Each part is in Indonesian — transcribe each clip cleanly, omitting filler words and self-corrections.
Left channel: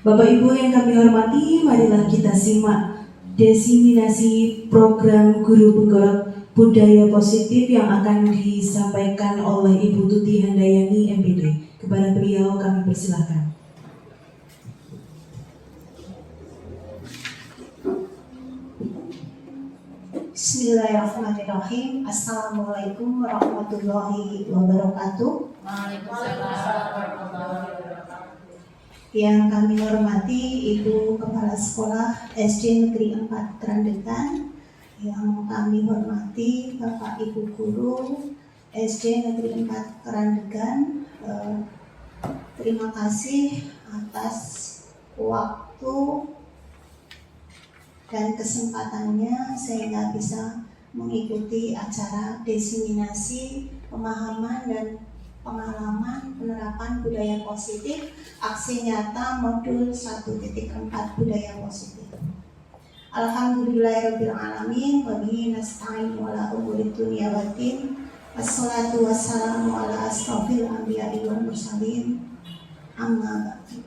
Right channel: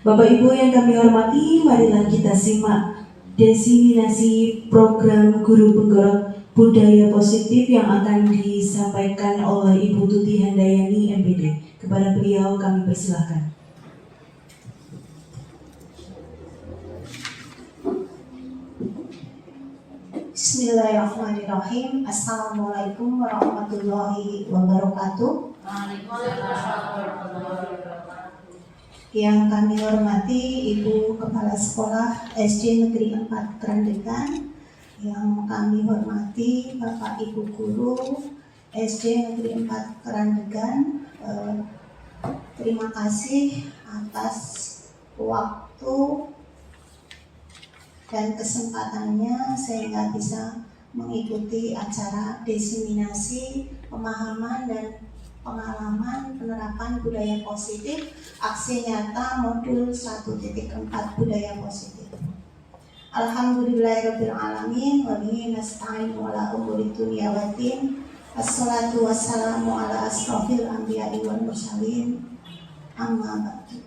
Bapak Ibu yang kami hormati, marilah kita simak diseminasi program Guru Penggerak Budaya Positif yang akan disampaikan oleh Ibu Tuti Handayani MPD. Kepada beliau kami persilahkan. Bismillahirrahmanirrahim. Assalamualaikum warahmatullahi wabarakatuh. Yang kami hormati Ibu Kepala Sekolah SD Negeri 4 Kerandegan, yang kami hormati Bapak Ibu Guru SD Negeri 4 Kerandegan, terima kasih atas waktu dan kesempatannya sehingga bisa mengikuti acara diseminasi pemahaman dan pengalaman penerapan budaya positif aksi nyata modul 1.4 budaya positif. Alhamdulillahirabbil alamin wa bihi nasta'in wa la umuri dunya waddin. Wassalatu wassalamu ala asrofil anbiya'i wal mursalin. Amma ba'du.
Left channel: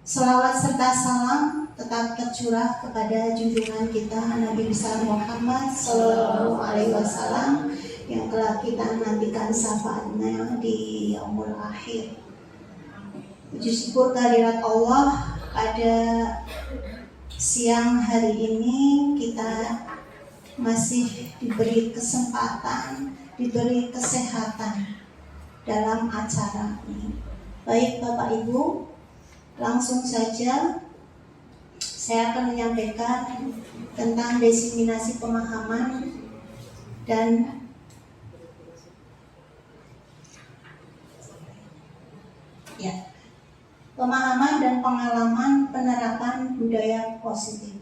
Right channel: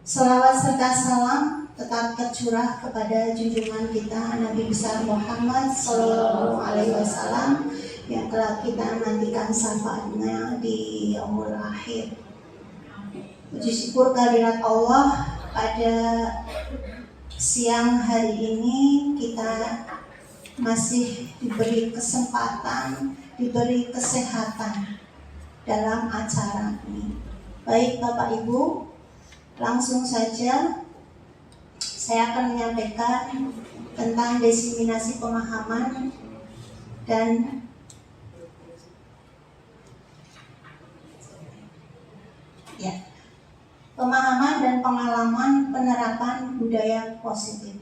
Salawat serta salam tetap tercurah kepada junjungan kita Nabi besar Muhammad sallallahu alaihi wasallam yang telah kita nantikan syafaatnya di yaumul akhir. Puji syukur kehadirat Allah, pada siang hari ini kita masih diberi kesempatan, diberi kesehatan dalam acara ini. Baik Bapak Ibu, langsung saja saya akan menyampaikan tentang diseminasi pemahaman dan pemahaman dan pengalaman penerapan budaya positif.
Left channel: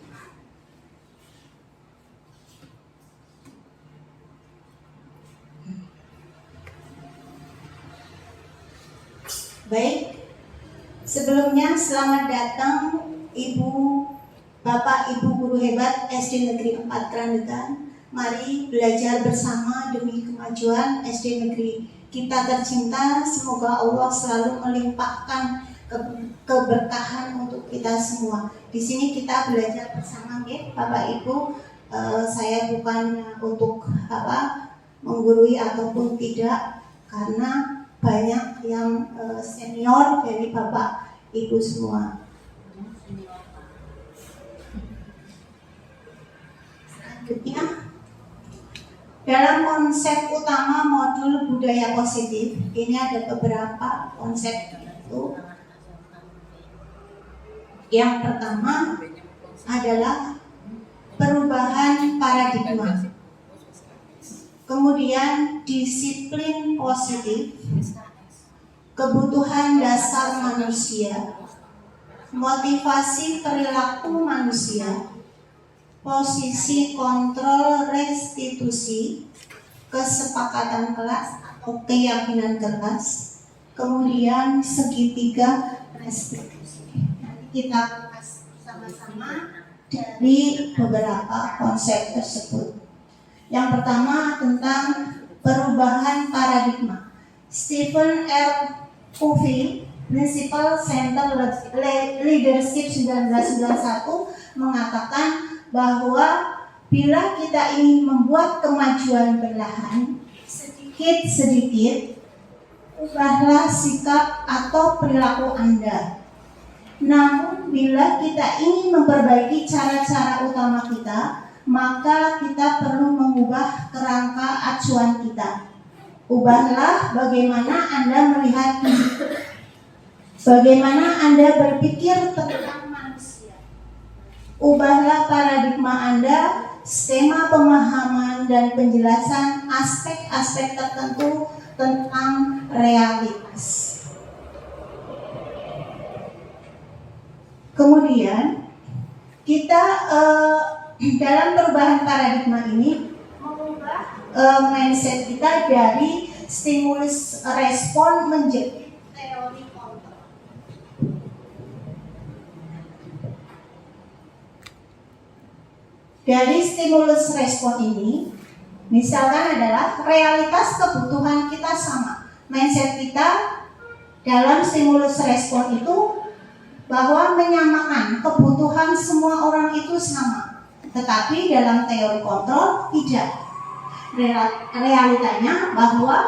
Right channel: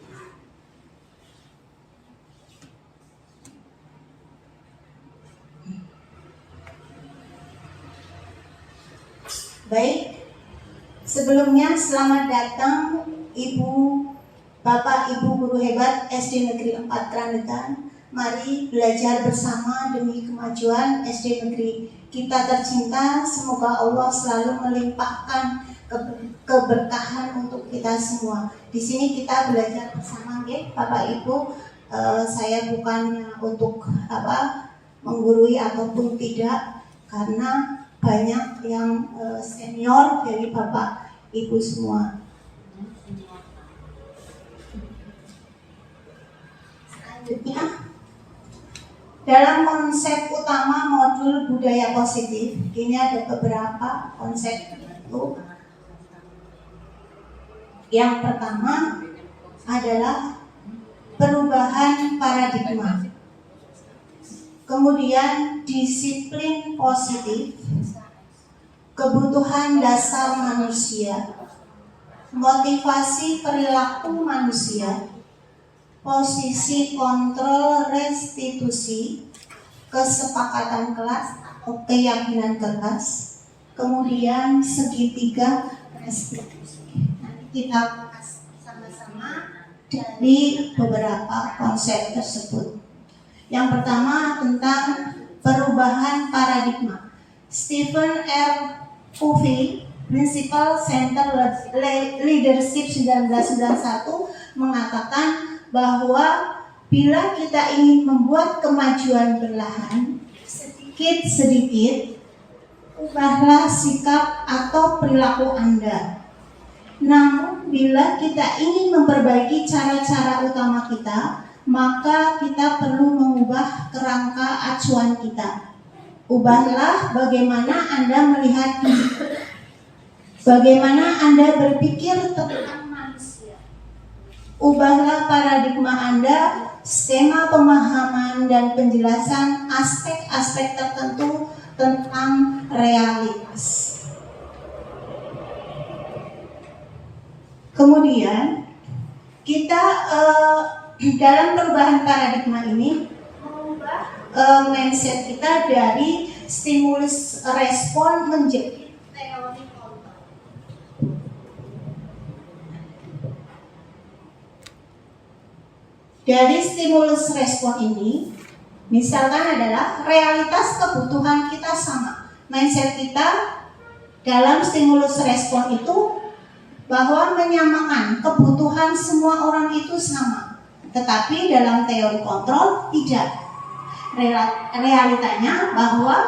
Baik, sebelumnya selamat datang Ibu, Bapak, Ibu guru hebat SD Negeri 4 Kerandegan. Mari belajar bersama demi kemajuan SD Negeri kita tercinta. Semoga Allah selalu melimpahkan keberkahan untuk kita semua. Di sini kita belajar bersama, Bapak Ibu. Saya bukannya untuk menggurui ataupun tidak, karena banyak yang senior dari Bapak Ibu semua. Selanjutnya, dalam konsep utama modul budaya positif, ini ada beberapa konsep itu. Yang pertama adalah perubahan paradigma, kemudian disiplin positif, kebutuhan dasar manusia, motivasi perilaku manusia, posisi kontrol restitusi, kesepakatan kelas atau keyakinan kelas, kemudian segitiga restitusi. Kita bahas sama-sama dari beberapa konsep tersebut. Yang pertama tentang perubahan paradigma. Stephen R. Covey, Principal Center Leadership 1991, mengatakan bahwa bila kita ingin membuat kemajuan perlahan, sedikit-sedikit, ubahlah sikap atau perilaku Anda. Namun bila kita ingin memperbaiki cara-cara utama kita, maka kita perlu mengubah kerangka acuan kita. Ubahlah bagaimana Anda melihat diri, bagaimana Anda berpikir tentang manusia. Ubahlah paradigma Anda, skema pemahaman dan penjelasan aspek-aspek tertentu tentang realitas. Kemudian kita dalam perubahan paradigma ini mengubah mindset kita dari stimulus respon menjadi teori kontrol. Dari stimulus respon ini, misalkan adalah realitas kebutuhan kita sama. Mindset kita dalam stimulus respon itu bahwa menyamakan kebutuhan semua orang itu sama. Tetapi dalam teori kontrol tidak. Realitanya bahwa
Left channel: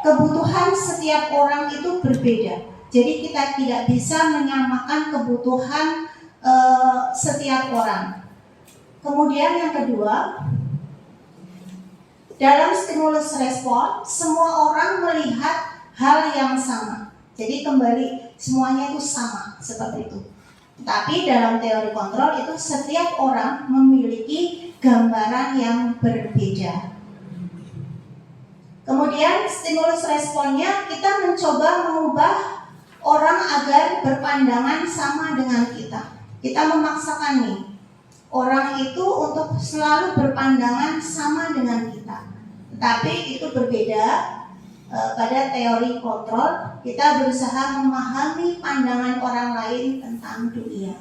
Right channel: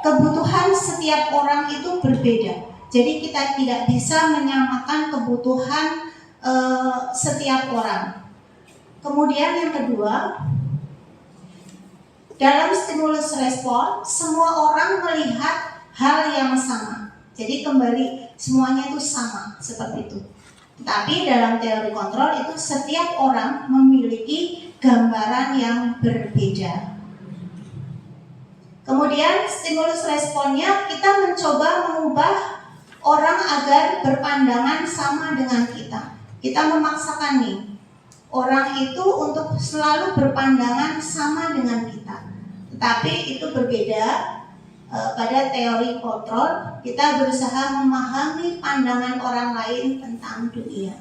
kebutuhan setiap orang itu berbeda. Jadi kita tidak bisa menyamakan kebutuhan setiap orang. Kemudian yang kedua, dalam stimulus respon semua orang melihat hal yang sama. Jadi kembali semuanya itu sama seperti itu. Tapi dalam teori kontrol itu setiap orang memiliki gambaran yang berbeda. Kemudian stimulus responnya kita mencoba mengubah orang agar berpandangan sama dengan kita. Kita memaksakan nih orang itu untuk selalu berpandangan sama dengan kita. Tetapi itu berbeda. Pada teori kontrol kita berusaha memahami pandangan orang lain tentang dunia.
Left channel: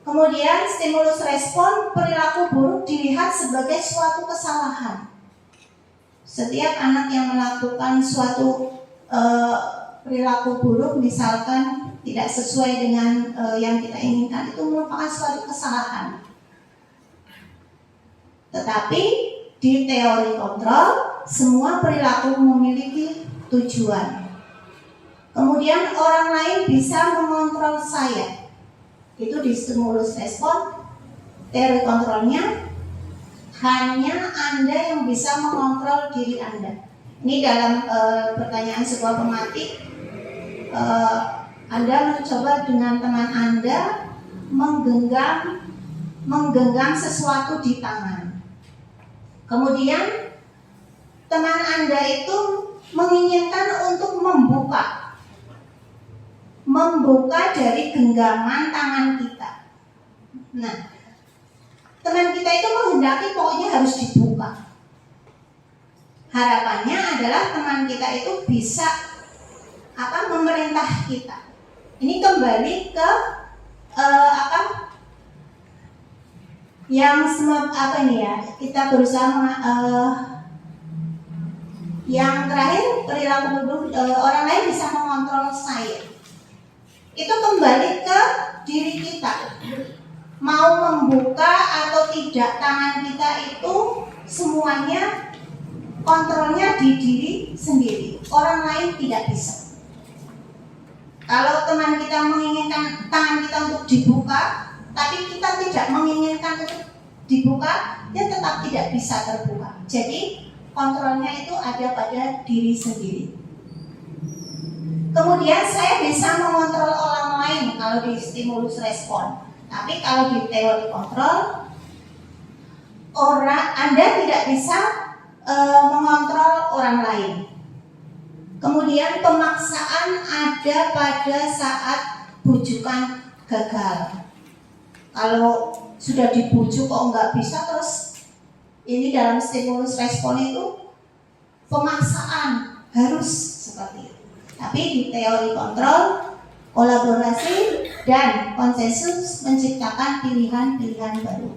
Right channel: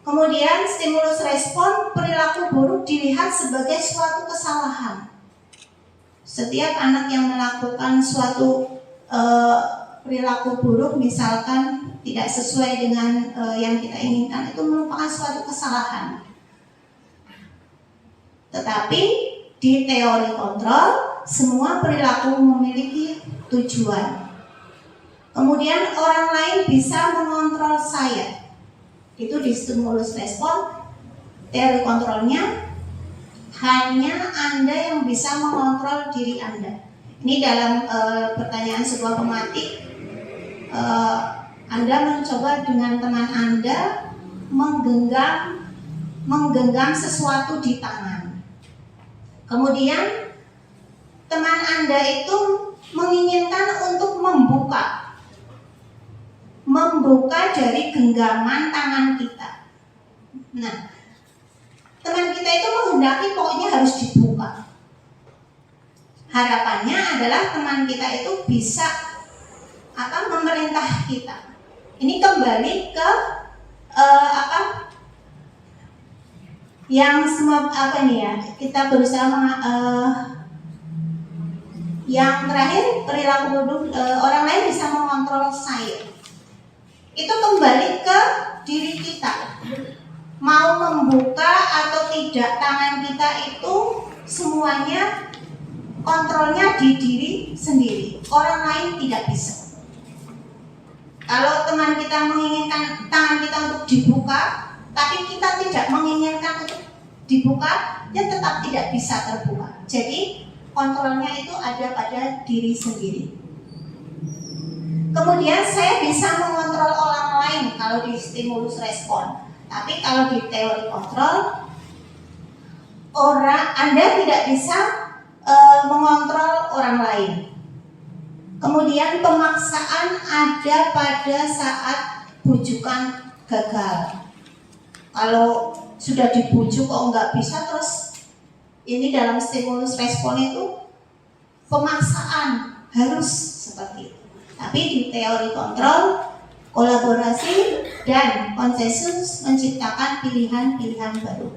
Kemudian stimulus respon perilaku buruk dilihat sebagai suatu kesalahan. Setiap anak yang melakukan suatu perilaku buruk, misalkan tidak sesuai dengan yang kita inginkan, itu merupakan suatu kesalahan. Tetapi di teori kontrol semua perilaku memiliki tujuan. Kemudian orang lain bisa mengontrol saya. Itu di stimulus respon. Teori kontrolnya hanya Anda yang bisa mengontrol diri Anda. Ini dalam pertanyaan sebuah pematik, Anda mencoba dengan teman Anda menggenggam sesuatu di tangan. Kemudian teman Anda itu menginginkan untuk membuka dari genggaman tangan kita. Nah, teman kita itu menghendaki pokoknya harus dibuka. Harapannya adalah teman kita itu bisa memerintah kita. Ini kembali ke yang semua kita berusaha yang terakhir perilaku buruk orang lain bisa mengontrol saya. Itu kembali ke diri kita. Mau membuka atau tidak tangan kita itu semuanya kontrolnya di diri sendiri. Orang lain tidak bisa. Kalau teman kita menginginkan tangan kita untuk dibuka, tapi kita tidak menginginkan untuk dibuka, ya tetap tidak bisa terbuka. Jadi kontrolnya itu ada pada diri sendiri. Kemudian saya bisa mengontrol orang lain kalau di stimulus respon. Tapi kalau di teori kontrol, Anda tidak bisa mengontrol orang lain. Kemudian pemaksaan ada pada saat bujukan gagal. Kalau sudah dibujuk kok nggak bisa, terus ini dalam stimulus respon itu pemaksaan harus seperti itu. Tapi di teori kontrol, kolaborasi dan konsensus menciptakan pilihan-pilihan baru.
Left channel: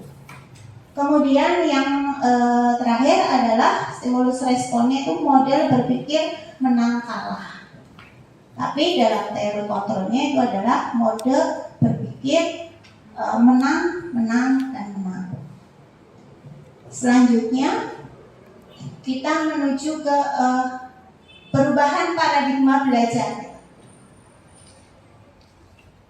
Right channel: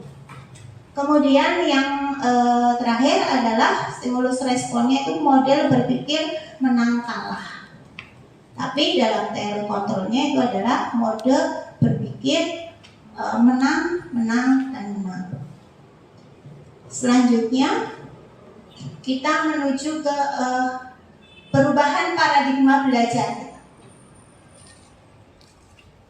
Kemudian yang terakhir adalah stimulus responnya itu model berpikir menang kalah. Tapi dalam teori kontrolnya itu adalah mode berpikir menang, menang, dan menang. Selanjutnya kita menuju ke perubahan paradigma belajar.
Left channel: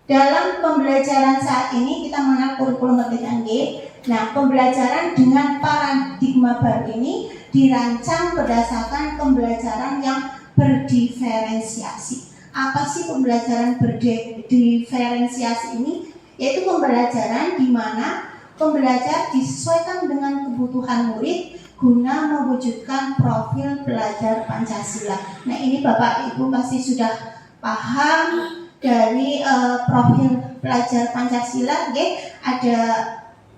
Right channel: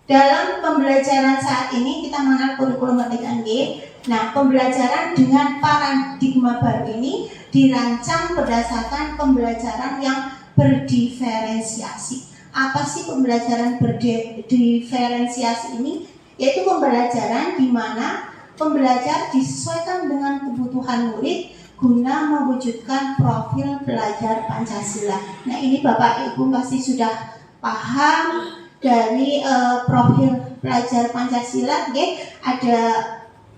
Dalam pembelajaran saat ini kita mengenal kurikulum Merdeka G. Nah, pembelajaran dengan paradigma baru ini dirancang berdasarkan pembelajaran yang berdiferensiasi. Apa sih pembelajaran berdiferensiasi ini? Yaitu pembelajaran di mana pembelajar disesuaikan dengan kebutuhan murid guna mewujudkan profil pelajar Pancasila. Nah, ini Bapak Ibu pasti sudah paham dari profil pelajar Pancasila. Ada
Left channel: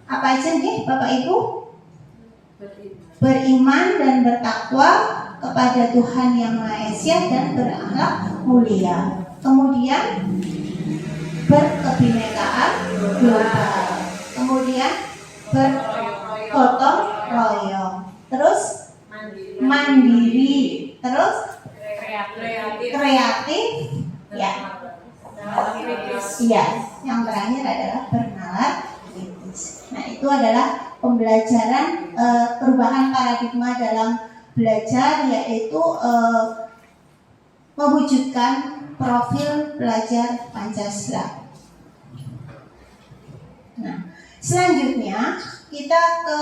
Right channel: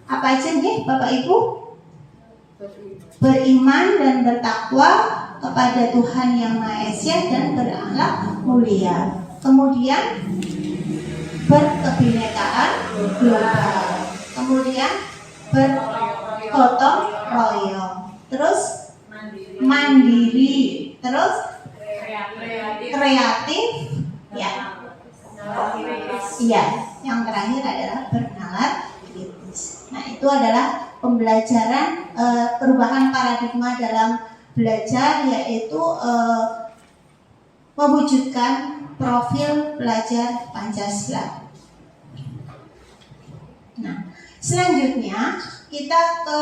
apa aja Bapak Ibu? Beriman dan bertakwa kepada Tuhan Yang Maha Esa dan berakhlak mulia. Kemudian berkebinekaan global. Kemudian bergotong royong. Terus mandiri. Terus kreatif. Ya. Iya. Yang terakhir adalah bernalar kritis. Nah, itu adalah pembelajaran perubahan paradigma dalam belajar, yaitu mewujudkan profil pelajar Pancasila. Nah, selanjutnya kita ke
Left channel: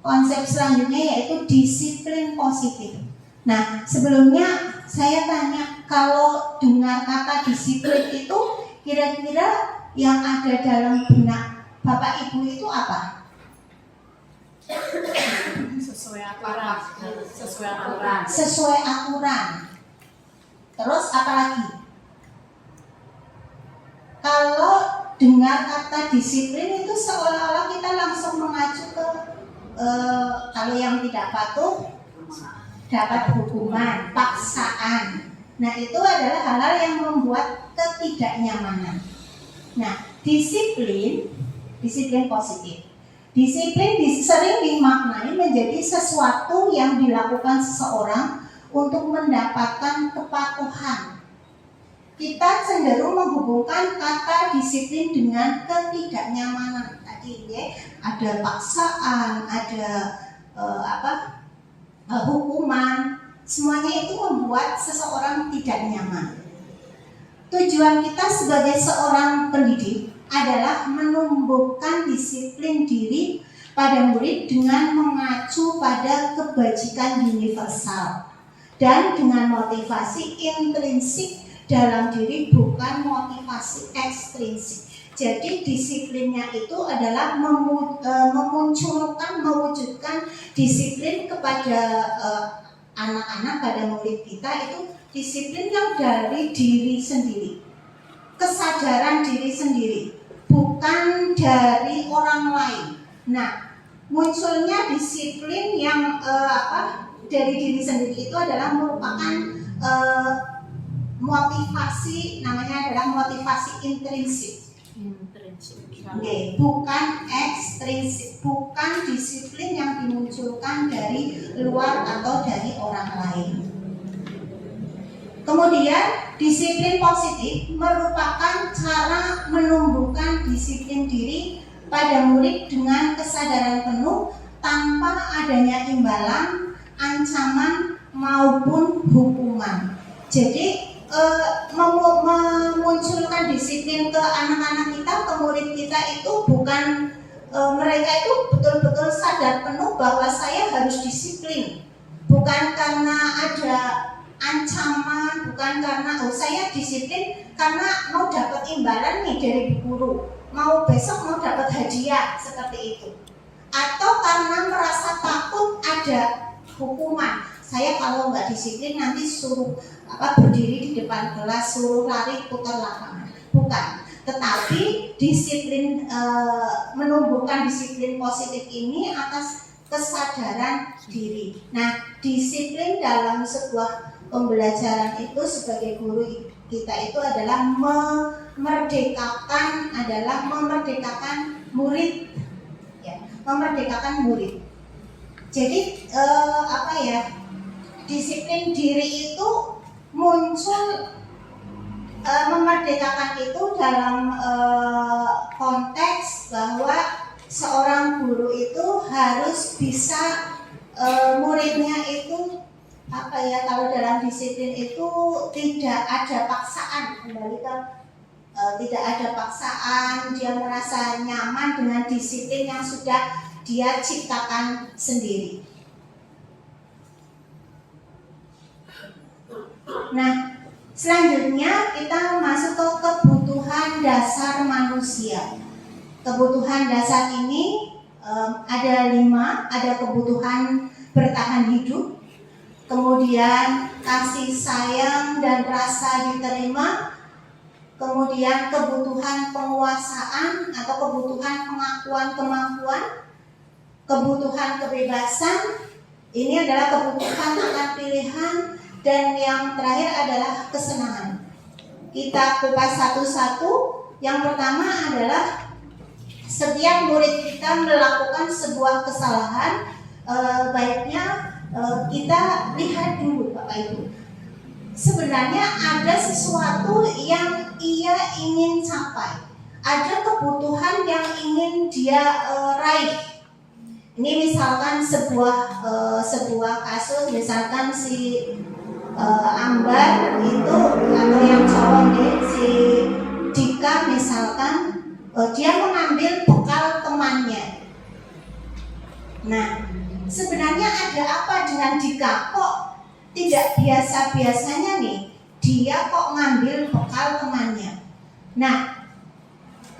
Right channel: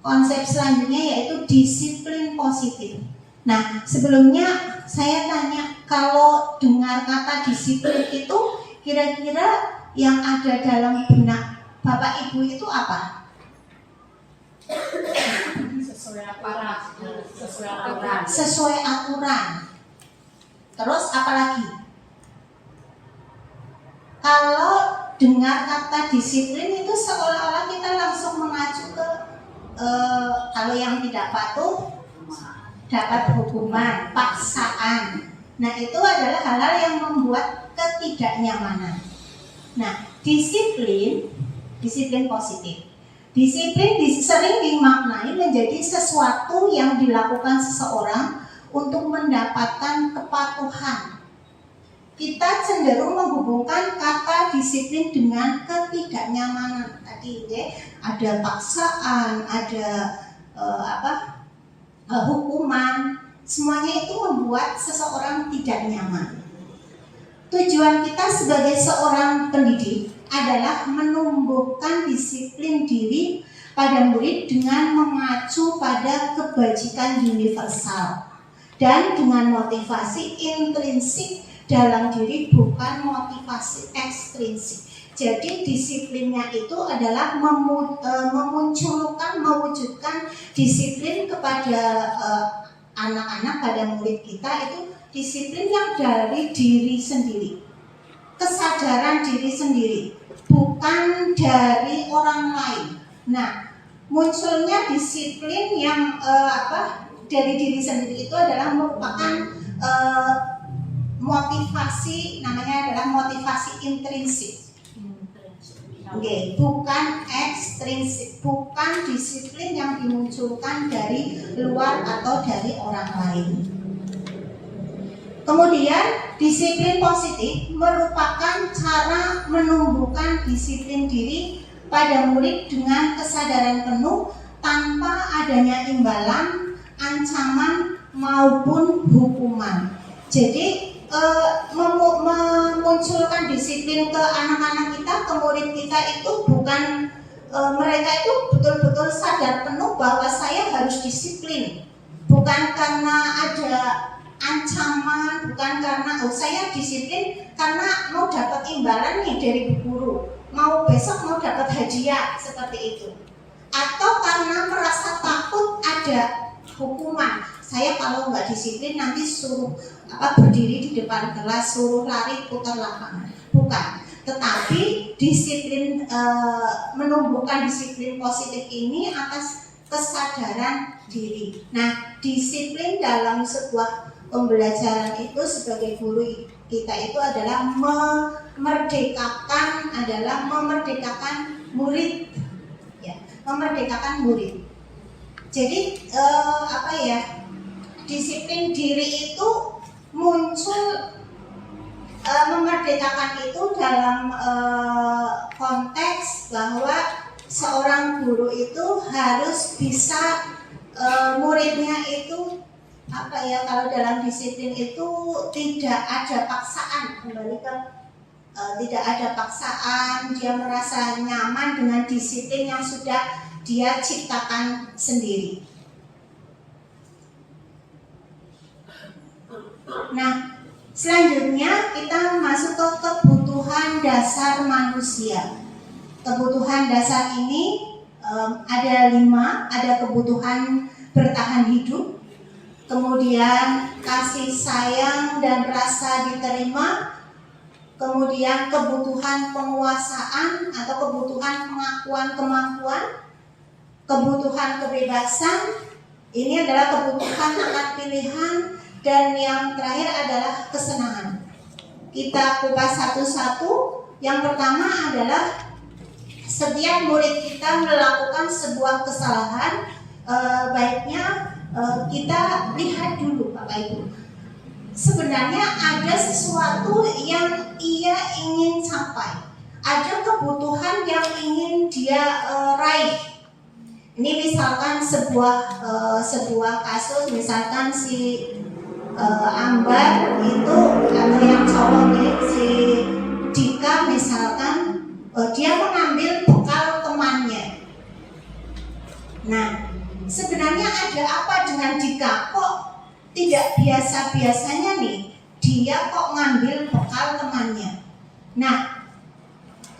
konsep selanjutnya, yaitu disiplin positif. Nah, sebelumnya saya tanya, kalau dengar kata disiplin itu kira-kira yang ada dalam benak Bapak Ibu itu apa? Sesuai aturan. Terus apa lagi? Kalau dengar kata disiplin itu seolah-olah kita langsung mengacu ke kalau yang tidak patuh dapat hukuman, paksaan. Nah, itu adalah hal-hal yang membuat ketidaknyamanan. Nah, disiplin positif. Disiplin sering dimaknai menjadi sesuatu yang dilakukan seseorang untuk mendapatkan kepatuhan. Kita cenderung menghubungkan kata disiplin dengan ketidaknyamanan. Tadi ada paksaan, ada hukuman. Semuanya itu membuat seseorang tidak nyaman. Tujuan kita sebagai seorang pendidik adalah menumbuhkan disiplin diri pada murid dengan mengacu pada kebajikan universal dan dengan motivasi intrinsik dalam diri, bukan motivasi ekstrinsik. Jadi disiplinnya itu adalah mewujudkan disiplin kepada anak-anak, pada murid kita, itu disiplin yang dari diri sendiri, kesadaran diri sendiri, bukan dari orang lain. Nah, munculnya disiplin yang dari diri sendiri itu adalah merupakan motivasi, namanya adalah motivasi intrinsik. Bukan ekstrinsik, bukan disiplin yang dimunculkan dari luar atau dari orang lain. Kemudian disiplin positif merupakan cara menumbuhkan disiplin diri pada murid dengan kesadaran penuh tanpa adanya imbalan, ancaman maupun hukuman. Jadi memunculkan disiplin ke anak-anak kita, ke murid kita itu bukan mereka itu betul-betul sadar penuh bahwa saya harus disiplin, bukan karena ada ancaman, bukan karena saya disiplin karena mau dapat imbalan nih dari bu guru, mau besok mau dapat hadiah seperti itu, atau karena merasa takut ada hukuman. Saya kalau nggak disiplin nanti suruh berdiri di depan kelas, suruh lari putar lapangan. Bukan, tetapi disiplin menumbuhkan disiplin positif ini atas kesadaran diri. Nah, disiplin dalam sebuah pembelajaran itu sebagai guru kita itu adalah memerdekakan murid, ya, memerdekakan murid. Jadi disiplin diri itu muncul, memerdekakan itu dalam konteks bahwa seorang guru itu harus bisa muridnya itu kalau dalam disiplin itu tidak ada paksaan, kembali ke tidak ada paksaan, dia merasa nyaman dengan disiplin yang sudah dia ciptakan sendiri. Nah, selanjutnya kita masuk ke kebutuhan dasar manusia. Kebutuhan dasar ini ada 5, ada kebutuhan bertahan hidup, kemudian kasih sayang dan rasa diterima, kemudian kebutuhan penguasaan atau kebutuhan pengakuan kemampuan, kebutuhan kebebasan, ini adalah kebutuhan akan pilihan, dan yang terakhir adalah kesenangan. Kita kupas satu-satu. Yang pertama adalah setiap murid kita melakukan sebuah kesalahan, baiknya kita lihat dulu Bapak Ibu. Sebenarnya ada sesuatu yang ia ingin capai, ada kebutuhan yang ingin dia raih. Ini misalkan sebuah kasus, misalkan si Ambar itu atau yang cowok nih, si Dika misalkan, dia mengambil bekal temannya. Nah, sebenarnya ada apa dengan Dika? Kok tidak biasa-biasanya nih dia kok ngambil bekal temannya? Nah,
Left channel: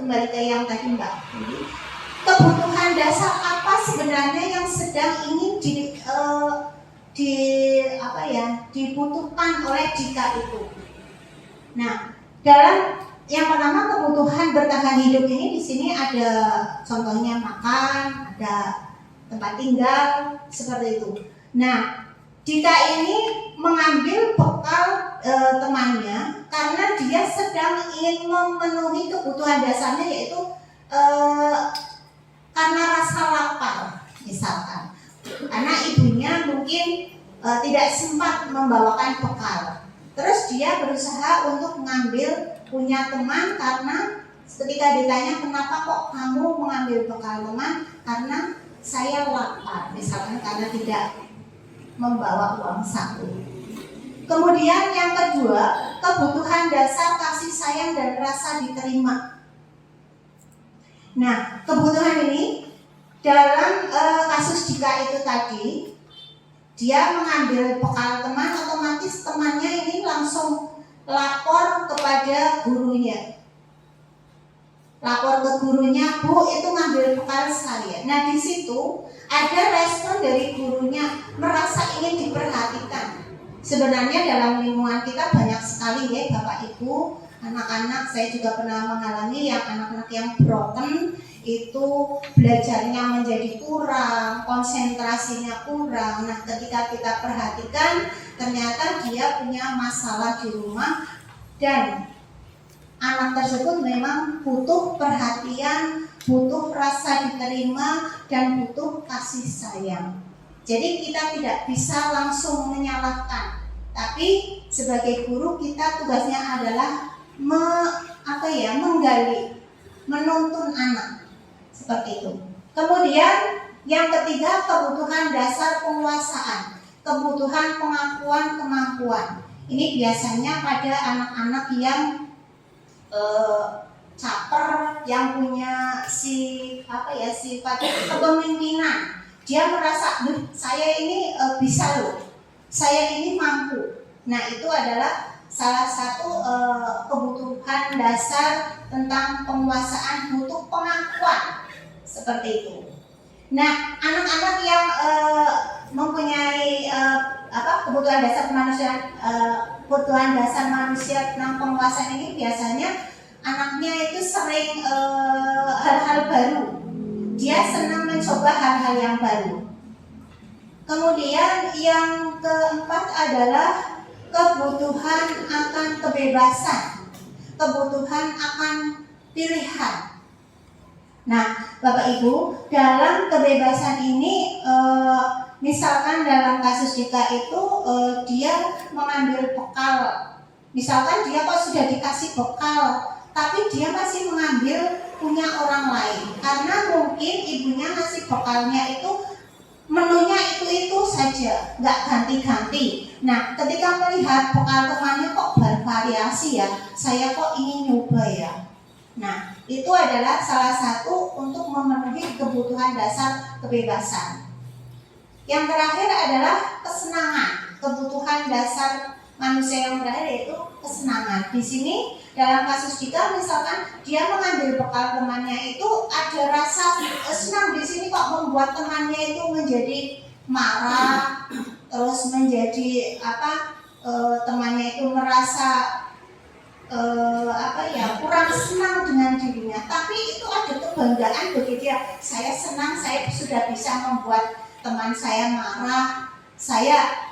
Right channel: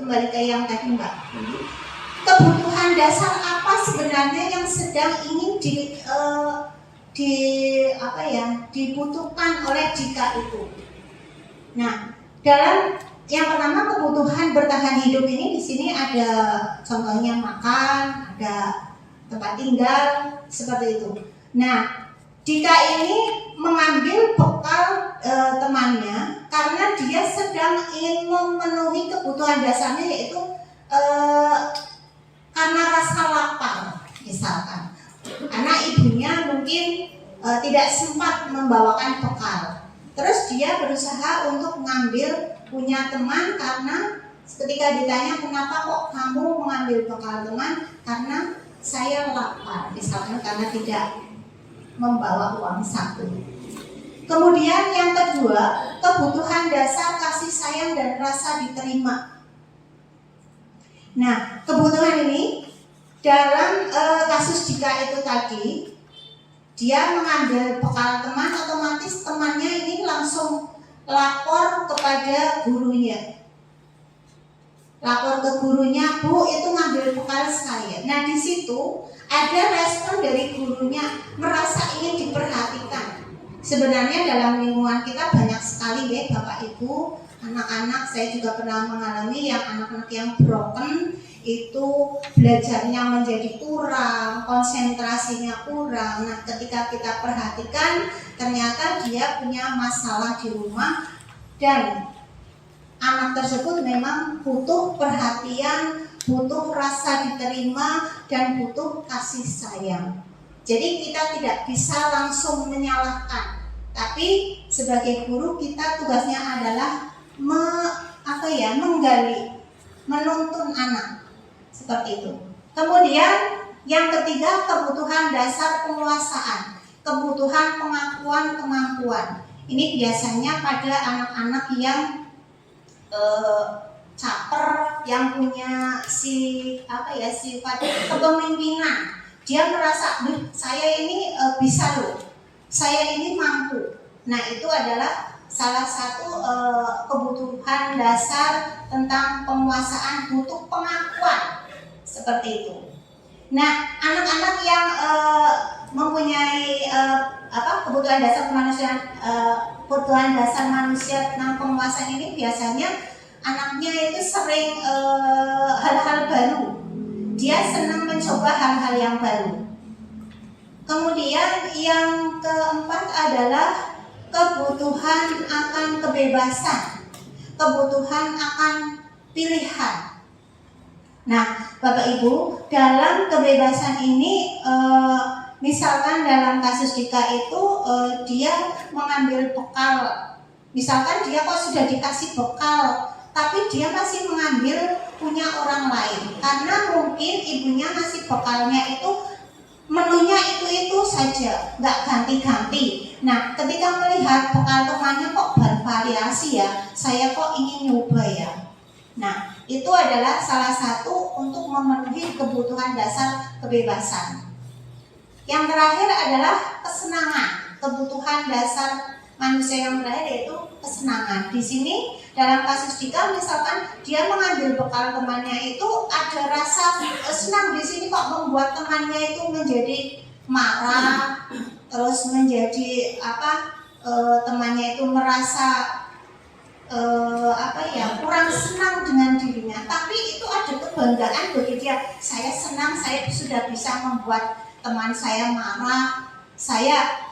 kembali ke yang tadi Mbak, kebutuhan dasar apa sebenarnya yang sedang ingin dibutuhkan oleh Dika itu? Nah, dalam yang pertama kebutuhan bertahan hidup ini, di sini ada contohnya makan, ada tempat tinggal, seperti itu. Nah, Dika ini mengambil bekal temannya karena dia sedang ingin memenuhi kebutuhan dasarnya, yaitu karena rasa lapar, misalkan. Anak ibunya mungkin tidak sempat membawakan bekal. Terus dia berusaha untuk mengambil punya teman, karena ketika ditanya kenapa kok kamu mengambil bekal teman, karena saya lapar, misalkan, karena tidak membawa uang saku. Kemudian yang kedua, kebutuhan dasar kasih sayang dan rasa diterima. Nah, kebutuhan ini dalam kasus Dika itu tadi, dia mengambil bekal teman, otomatis temannya ini langsung lapor kepada gurunya. Lapor ke gurunya, Bu, itu ngambil bekal sekalian. Nah, di situ ada respon dari gurunya, merasa ingin diperhatikan. Sebenarnya dalam lingkungan kita banyak sekali ya Bapak Ibu, anak-anak, saya juga pernah mengalami yang anak-anak yang broken itu belajarnya menjadi kurang, konsentrasinya kurang. Nah, ketika kita perhatikan, ternyata dia punya masalah di rumah, dan anak tersebut memang butuh perhatian, butuh rasa diterima, dan butuh kasih sayang. Jadi kita tidak bisa langsung menyalahkan, tapi sebagai guru kita tugasnya adalah menggali, menuntun anak, seperti itu. Kemudian yang ketiga, kebutuhan dasar penguasaan, kebutuhan pengakuan kemampuan. Ini biasanya pada anak-anak yang caper, yang punya sifat kepemimpinan. Dia merasa, saya ini bisa loh, saya ini mampu. Nah, itu adalah salah satu kebutuhan dasar tentang penguasaan, butuh pengakuan, seperti itu. Nah, anak-anak yang mempunyai kebutuhan dasar kemanusiaan, kebutuhan dasar manusia tentang penguasaan ini, biasanya anaknya itu sering hal-hal baru. Dia senang mencoba hal-hal yang baru. Kemudian yang keempat adalah kebutuhan akan kebebasan, kebutuhan akan pilihan. Nah, Bapak Ibu, dalam kebebasan ini, misalkan dalam kasus Dika itu, dia mengambil bekal. Misalkan dia kok sudah dikasih bekal, tapi dia masih mengambil punya orang lain, karena mungkin ibunya ngasih bekalnya itu menunya itu saja, nggak ganti-ganti. Nah, ketika melihat bekal temannya kok bervariasi ya, saya kok ingin nyoba ya. Nah, itu adalah salah satu untuk memenuhi kebutuhan dasar kebebasan. Yang terakhir adalah kesenangan, kebutuhan dasar manusia yang terakhir yaitu kesenangan. Di sini dalam kasus Dika misalkan dia mengambil bekal temannya itu ada rasa senang, di sini kok membuat temannya itu menjadi marah, terus menjadi temannya itu merasa kurang senang dengan dirinya. Tapi itu ada kebanggaan bagi dia. Saya senang, saya sudah bisa membuat teman saya marah. Saya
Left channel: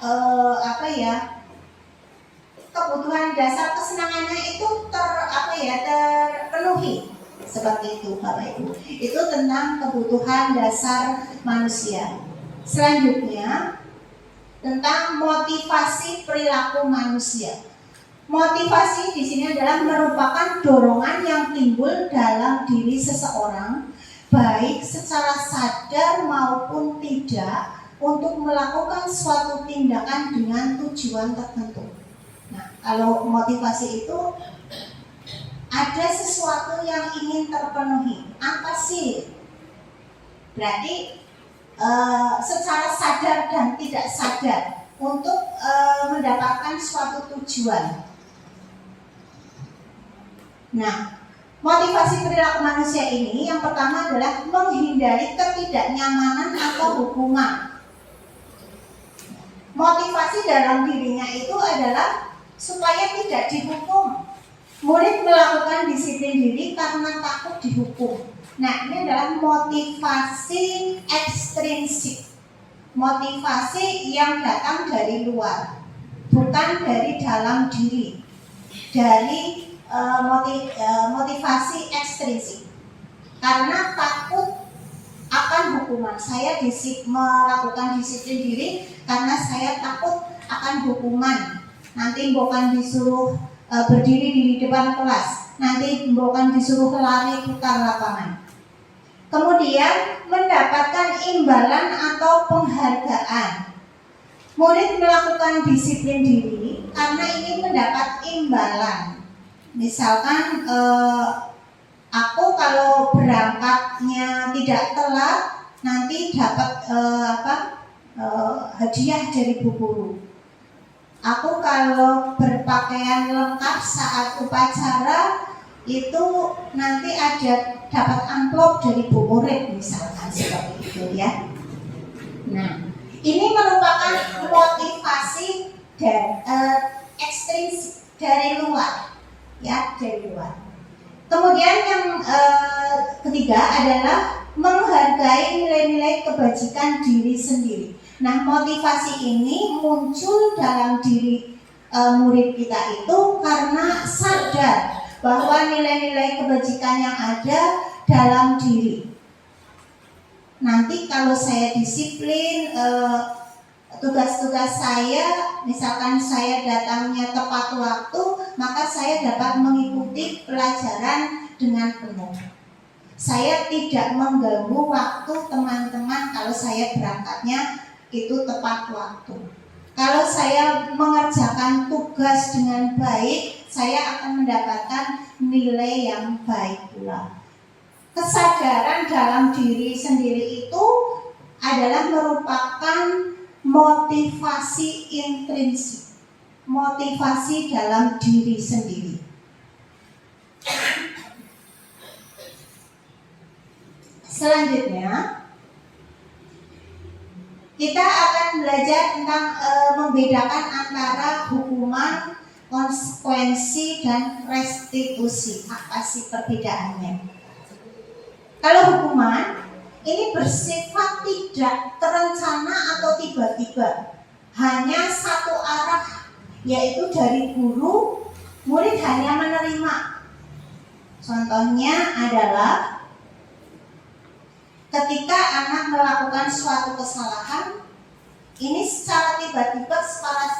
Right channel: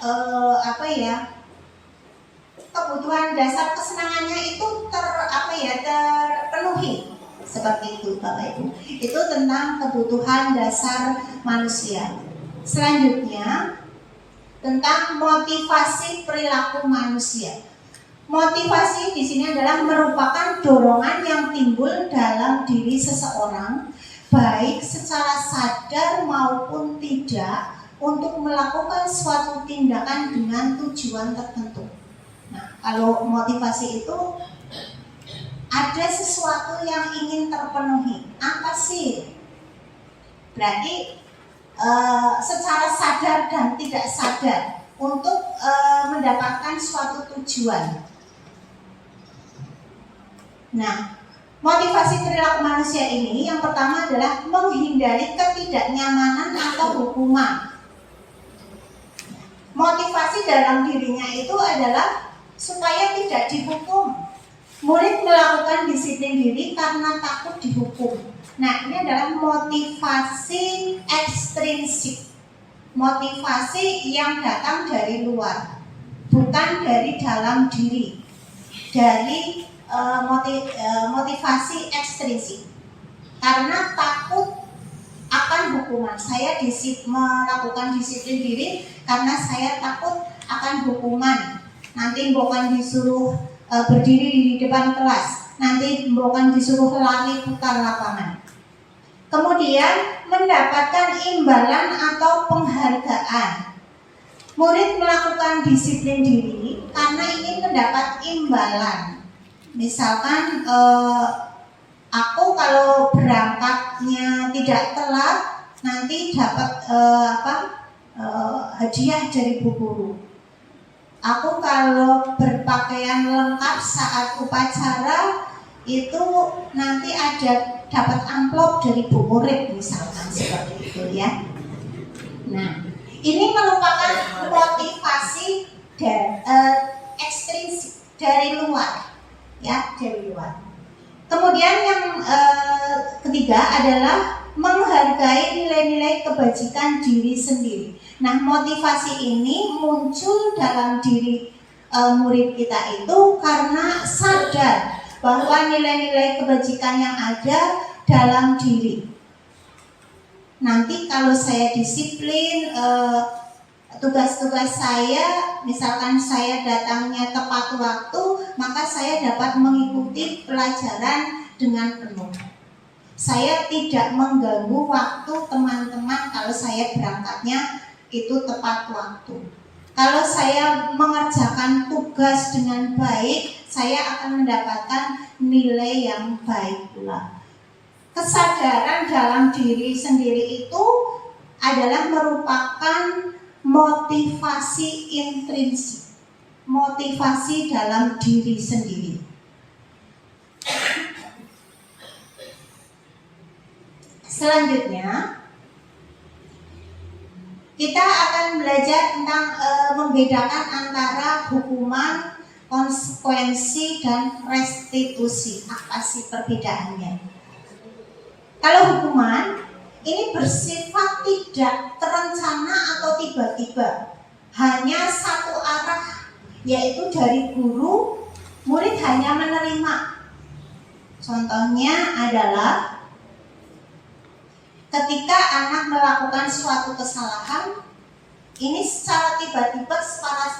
kebutuhan dasar kesenangannya itu terpenuhi. Seperti itu Bapak Ibu. Itu tentang kebutuhan dasar manusia. Selanjutnya tentang motivasi perilaku manusia. Motivasi di sini adalah merupakan dorongan yang timbul dalam diri seseorang, baik secara sadar maupun tidak, untuk melakukan suatu tindakan dengan tujuan tertentu. Nah, kalau motivasi itu ada sesuatu yang ingin terpenuhi. Apa sih? Berarti secara sadar dan tidak sadar untuk mendapatkan suatu tujuan. Nah, motivasi perilaku manusia ini yang pertama adalah menghindari ketidaknyamanan atau hukuman. Motivasi dalam dirinya itu adalah supaya tidak dihukum. Murid melakukan disiplin diri karena takut dihukum. Nah, ini adalah motivasi ekstrinsik. Motivasi yang datang dari luar, bukan dari dalam diri. Dari motivasi ekstrinsik. Karena takut akan hukuman. Saya melakukan disiplin diri karena saya takut akan hukuman. Nanti bukan disuruh berdiri di depan kelas, nanti bukan disuruh lari putar lapangan. Kemudian mendapatkan imbalan atau penghargaan. Murid melakukan disiplin diri karena ingin mendapat imbalan. Misalkan aku kalau berangkatnya tidak telat, nanti dapat hadiah dari bu guru. Aku kalau berpakaian lengkap saat upacara itu nanti ada dapat amplop dari bu murid, misalkan seperti itu ya. Nah, ini merupakan motivasi ekstrinsik dari luar, ya, dari luar. Kemudian yang ketiga adalah menghargai nilai-nilai kebajikan diri sendiri. Nah, motivasi ini muncul dalam diri murid kita itu karena sadar bahwa nilai-nilai kebajikan yang ada dalam diri. Nanti kalau saya disiplin, tugas-tugas saya, misalkan saya datangnya tepat waktu, maka saya dapat mengikuti pelajaran dengan penuh. Saya tidak mengganggu waktu teman-teman kalau saya berangkatnya itu tepat waktu. Kalau saya mengerjakan tugas dengan baik, saya akan mendapatkan nilai yang baik pula. Kesadaran dalam diri sendiri itu adalah merupakan motivasi intrinsik, motivasi dalam diri sendiri. Selanjutnya, kita akan belajar tentang membedakan antara hukuman, konsekuensi, dan restitusi. Apa sih perbedaannya? Kalau hukuman ini bersifat tidak terencana atau tiba-tiba, hanya satu arah, yaitu dari guru, murid hanya menerima. Contohnya adalah ketika anak melakukan suatu kesalahan, ini secara tiba-tiba,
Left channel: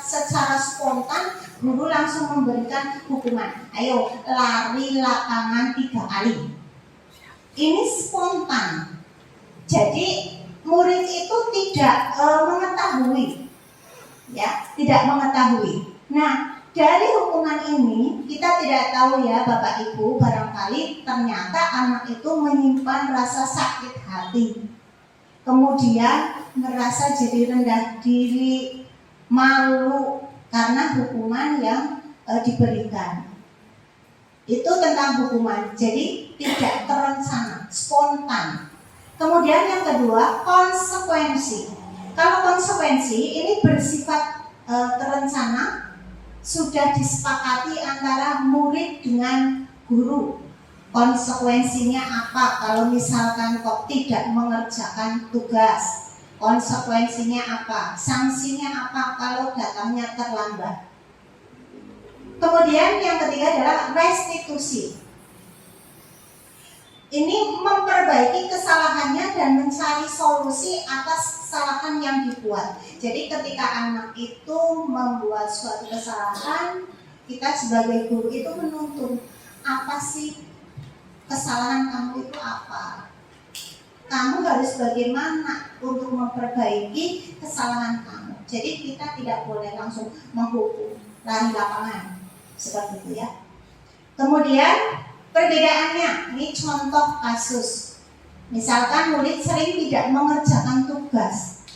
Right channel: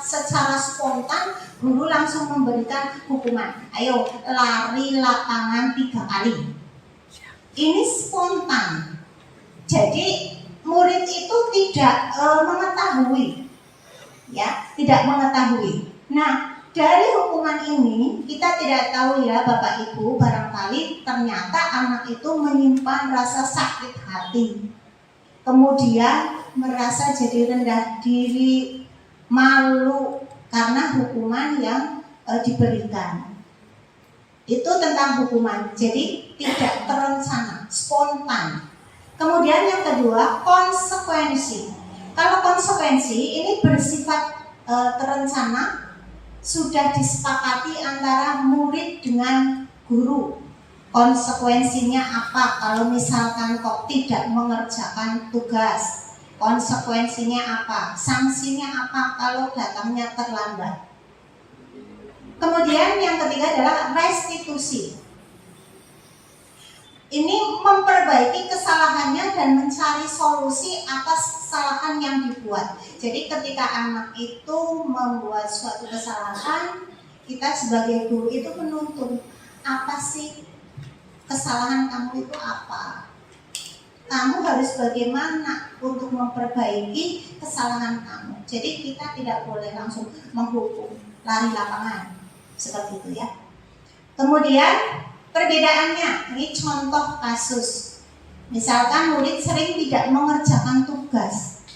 secara spontan, guru langsung memberikan hukuman. Ayo lari lapangan 3 kali. Ini spontan. Jadi murid itu tidak mengetahui, ya, tidak mengetahui. Nah, dari hukuman ini kita tidak tahu ya Bapak Ibu, barangkali ternyata anak itu menyimpan rasa sakit hati, kemudian merasa jadi rendah diri, malu, karena hukuman yang diberikan. Itu tentang hukuman. Jadi tidak terencana, spontan. Kemudian yang kedua, konsekuensi. Kalau konsekuensi ini bersifat terencana, sudah disepakati antara murid dengan guru. Konsekuensinya apa kalau misalkan kok tidak mengerjakan tugas? Konsekuensinya apa? Sanksinya apa kalau datangnya terlambat? Kemudian yang ketiga adalah restitusi. Ini memperbaiki kesalahannya dan mencari solusi atas kesalahan yang dibuat. Jadi ketika anak itu membuat suatu kesalahan, kita sebagai guru itu menuntun, apa sih kesalahan kamu itu apa? Kamu harus bagaimana untuk memperbaiki kesalahan kamu. Jadi kita tidak boleh langsung menghukum, lari lapangan, seperti itu ya. Kemudian perbedaannya, ini contoh kasus. Misalkan murid sering tidak mengerjakan tugas.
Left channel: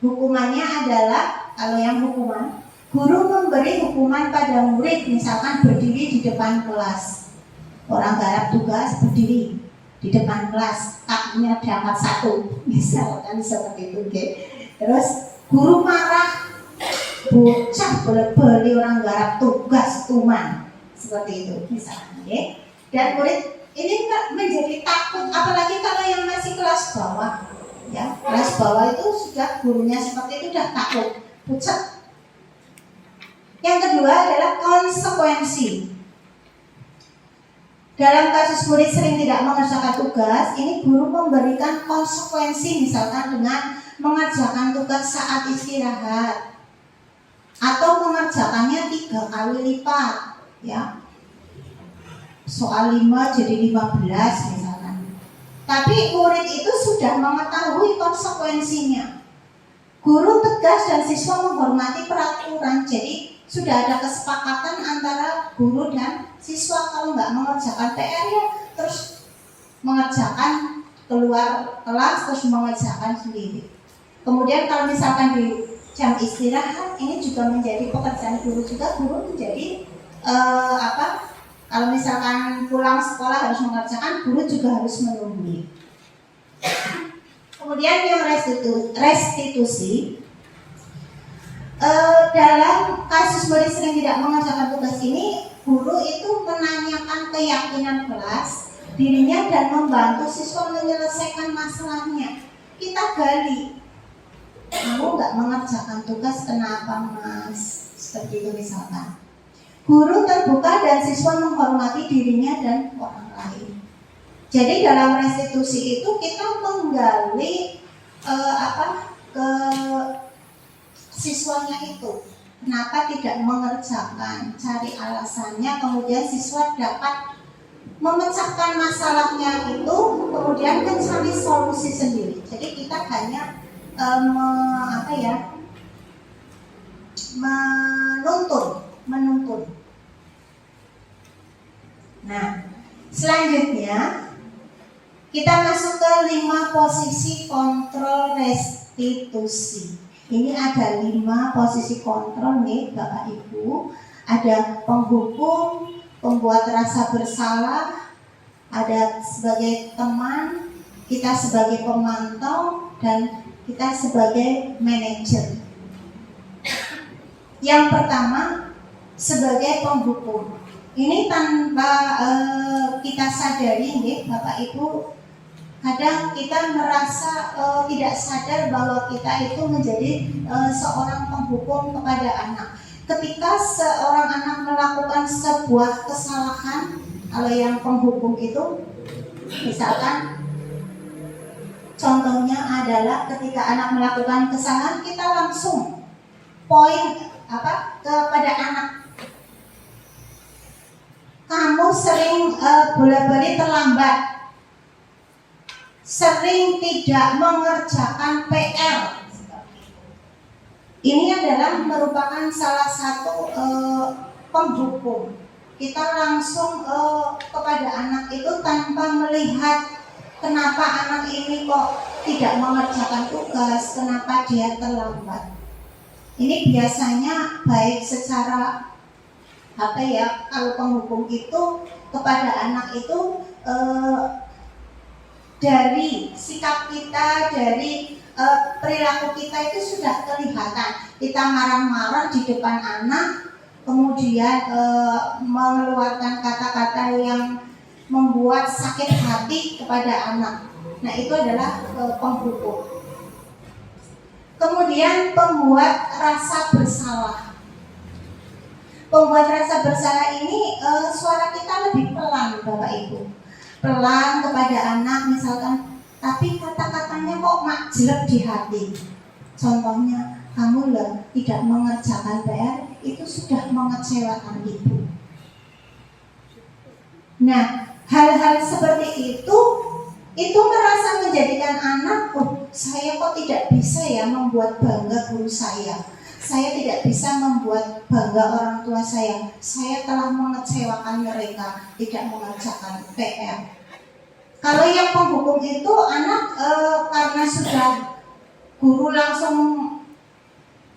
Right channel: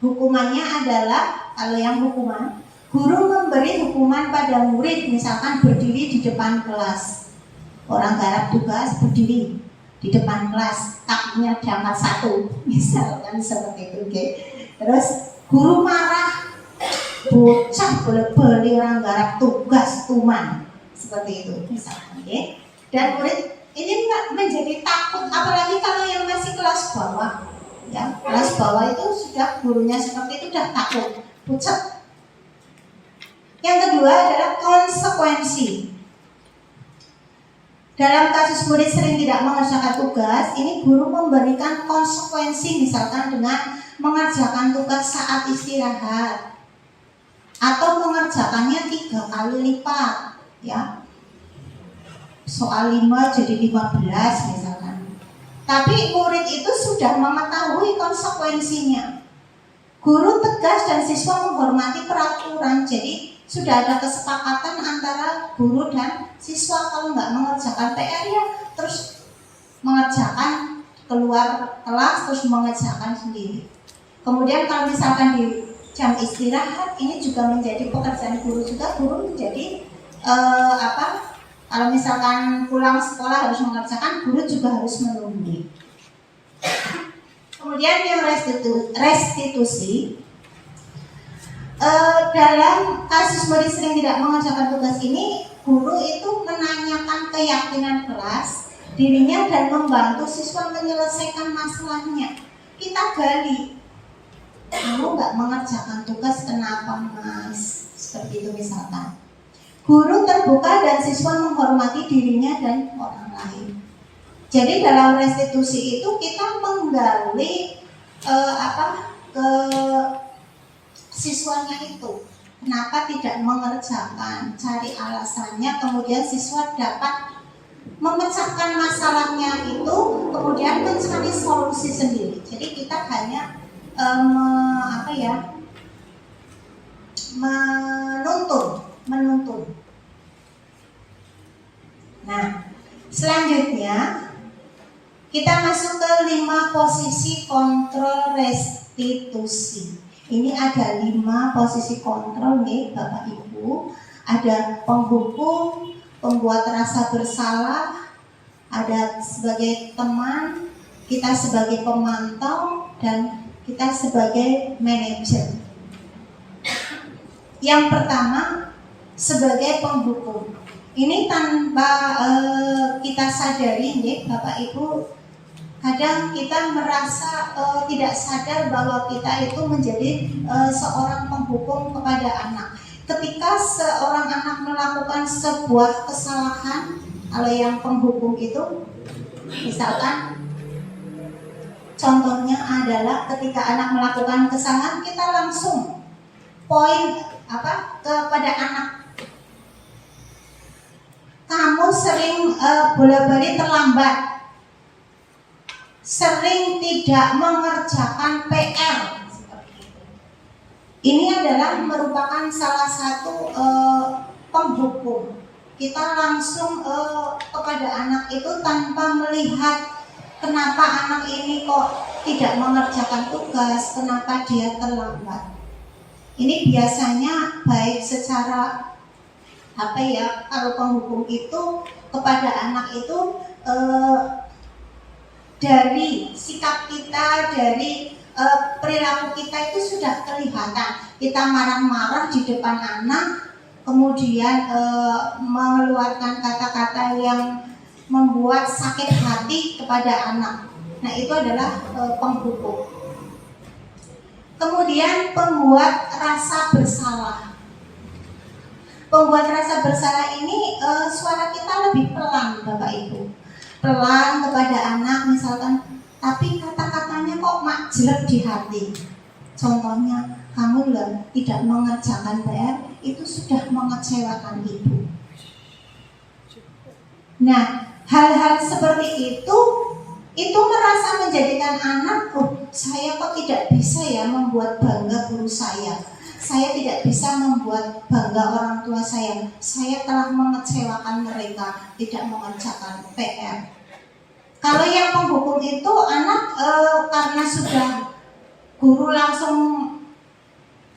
Hukumannya adalah, kalau yang hukuman, guru memberi hukuman pada murid, misalkan berdiri di depan kelas. Orang garap tugas berdiri di depan kelas, kakinya diangkat satu, misalkan seperti itu. Okay. Terus guru marah, bocah beli orang garap tugas tuman, seperti itu misalkan. Okay. Dan murid ini menjadi takut, apalagi kalau yang masih kelas bawah. Ya, kelas bawah itu sudah gurunya seperti itu sudah takut, pucat. Yang kedua adalah konsekuensi. Dalam kasus murid sering tidak mengerjakan tugas, ini guru memberikan konsekuensi, misalkan dengan mengerjakan tugas saat istirahat atau mengerjakannya 3 kali lipat, ya. Soal 5 jadi 15 misalkan. Tapi murid itu sudah mengetahui konsekuensinya. Guru tegas dan siswa menghormati peraturan. Jadi sudah ada kesepakatan antara guru dan siswa, kalau nggak mengerjakan PR ya terus mengerjakan keluar kelas, terus mengerjakan sendiri. Kemudian kalau misalkan di jam istirahat, ini juga menjadi pekerjaan guru juga. Guru menjadi kalau misalkan pulang sekolah harus mengerjakan, guru juga harus menunggu. Kemudian yang restitusi. Dalam kasus murid sering tidak mengerjakan tugas ini, guru itu menanyakan keyakinan kelas dirinya dan membantu siswa menyelesaikan masalahnya. Kita gali, kamu nggak mengerjakan tugas kenapa mas? Seperti itu misalkan. Guru terbuka dan siswa menghormati dirinya dan orang lain. Jadi dalam restitusi itu kita menggali ke siswanya itu, kenapa tidak mengerjakan, cari alasannya, kemudian siswa dapat memecahkan masalahnya itu, kemudian mencari solusi sendiri. Jadi kita hanya menuntun. Nah, selanjutnya kita masuk ke 5 posisi kontrol restitusi. Ini ada 5 posisi kontrol nih Bapak Ibu. Ada penghukum, pembuat rasa bersalah, ada sebagai teman, kita sebagai pemantau, dan kita sebagai manajer. Yang pertama sebagai penghukum. Ini tanpa kita sadari nih Bapak Ibu, kadang kita merasa tidak sadar bahwa kita itu menjadi seorang penghukum kepada anak. Ketika seorang anak melakukan sebuah kesalahan, kalau yang penghukum itu, misalkan contohnya adalah ketika anak melakukan kesalahan, kita langsung kepada anak. Kamu sering bola-bali terlambat, sering tidak mengerjakan PR. Ini adalah merupakan salah satu penghukum. Kita langsung kepada anak itu tanpa melihat kenapa anak ini kok tidak mengerjakan tugas, kenapa dia terlambat. Ini biasanya baik secara apa ya, kalau penghukum itu kepada anak itu dari sikap kita, dari perilaku kita itu sudah kelihatan. Kita marah-marah di depan anak, kemudian mengeluarkan kata-kata yang membuat sakit hati kepada anak. Nah, itu adalah penghukum. Kemudian pembuat rasa bersalah. Pembuat rasa bersalah ini suara kita lebih pelan, Bapak Ibu. Pelan kepada anak misalkan, tapi kata-katanya kok mak jelek di hati. Contohnya, kamu lah tidak mengerjakan PR, itu sudah mengecewakan ibu. Nah, hal-hal seperti itu merasa menjadikan anak, oh saya kok tidak bisa ya membuat bangga guru saya tidak bisa membuat bangga orang tua saya telah mengecewakan mereka, tidak mengerjakan PR. Kalau yang penghukum itu anak karena sudah guru langsung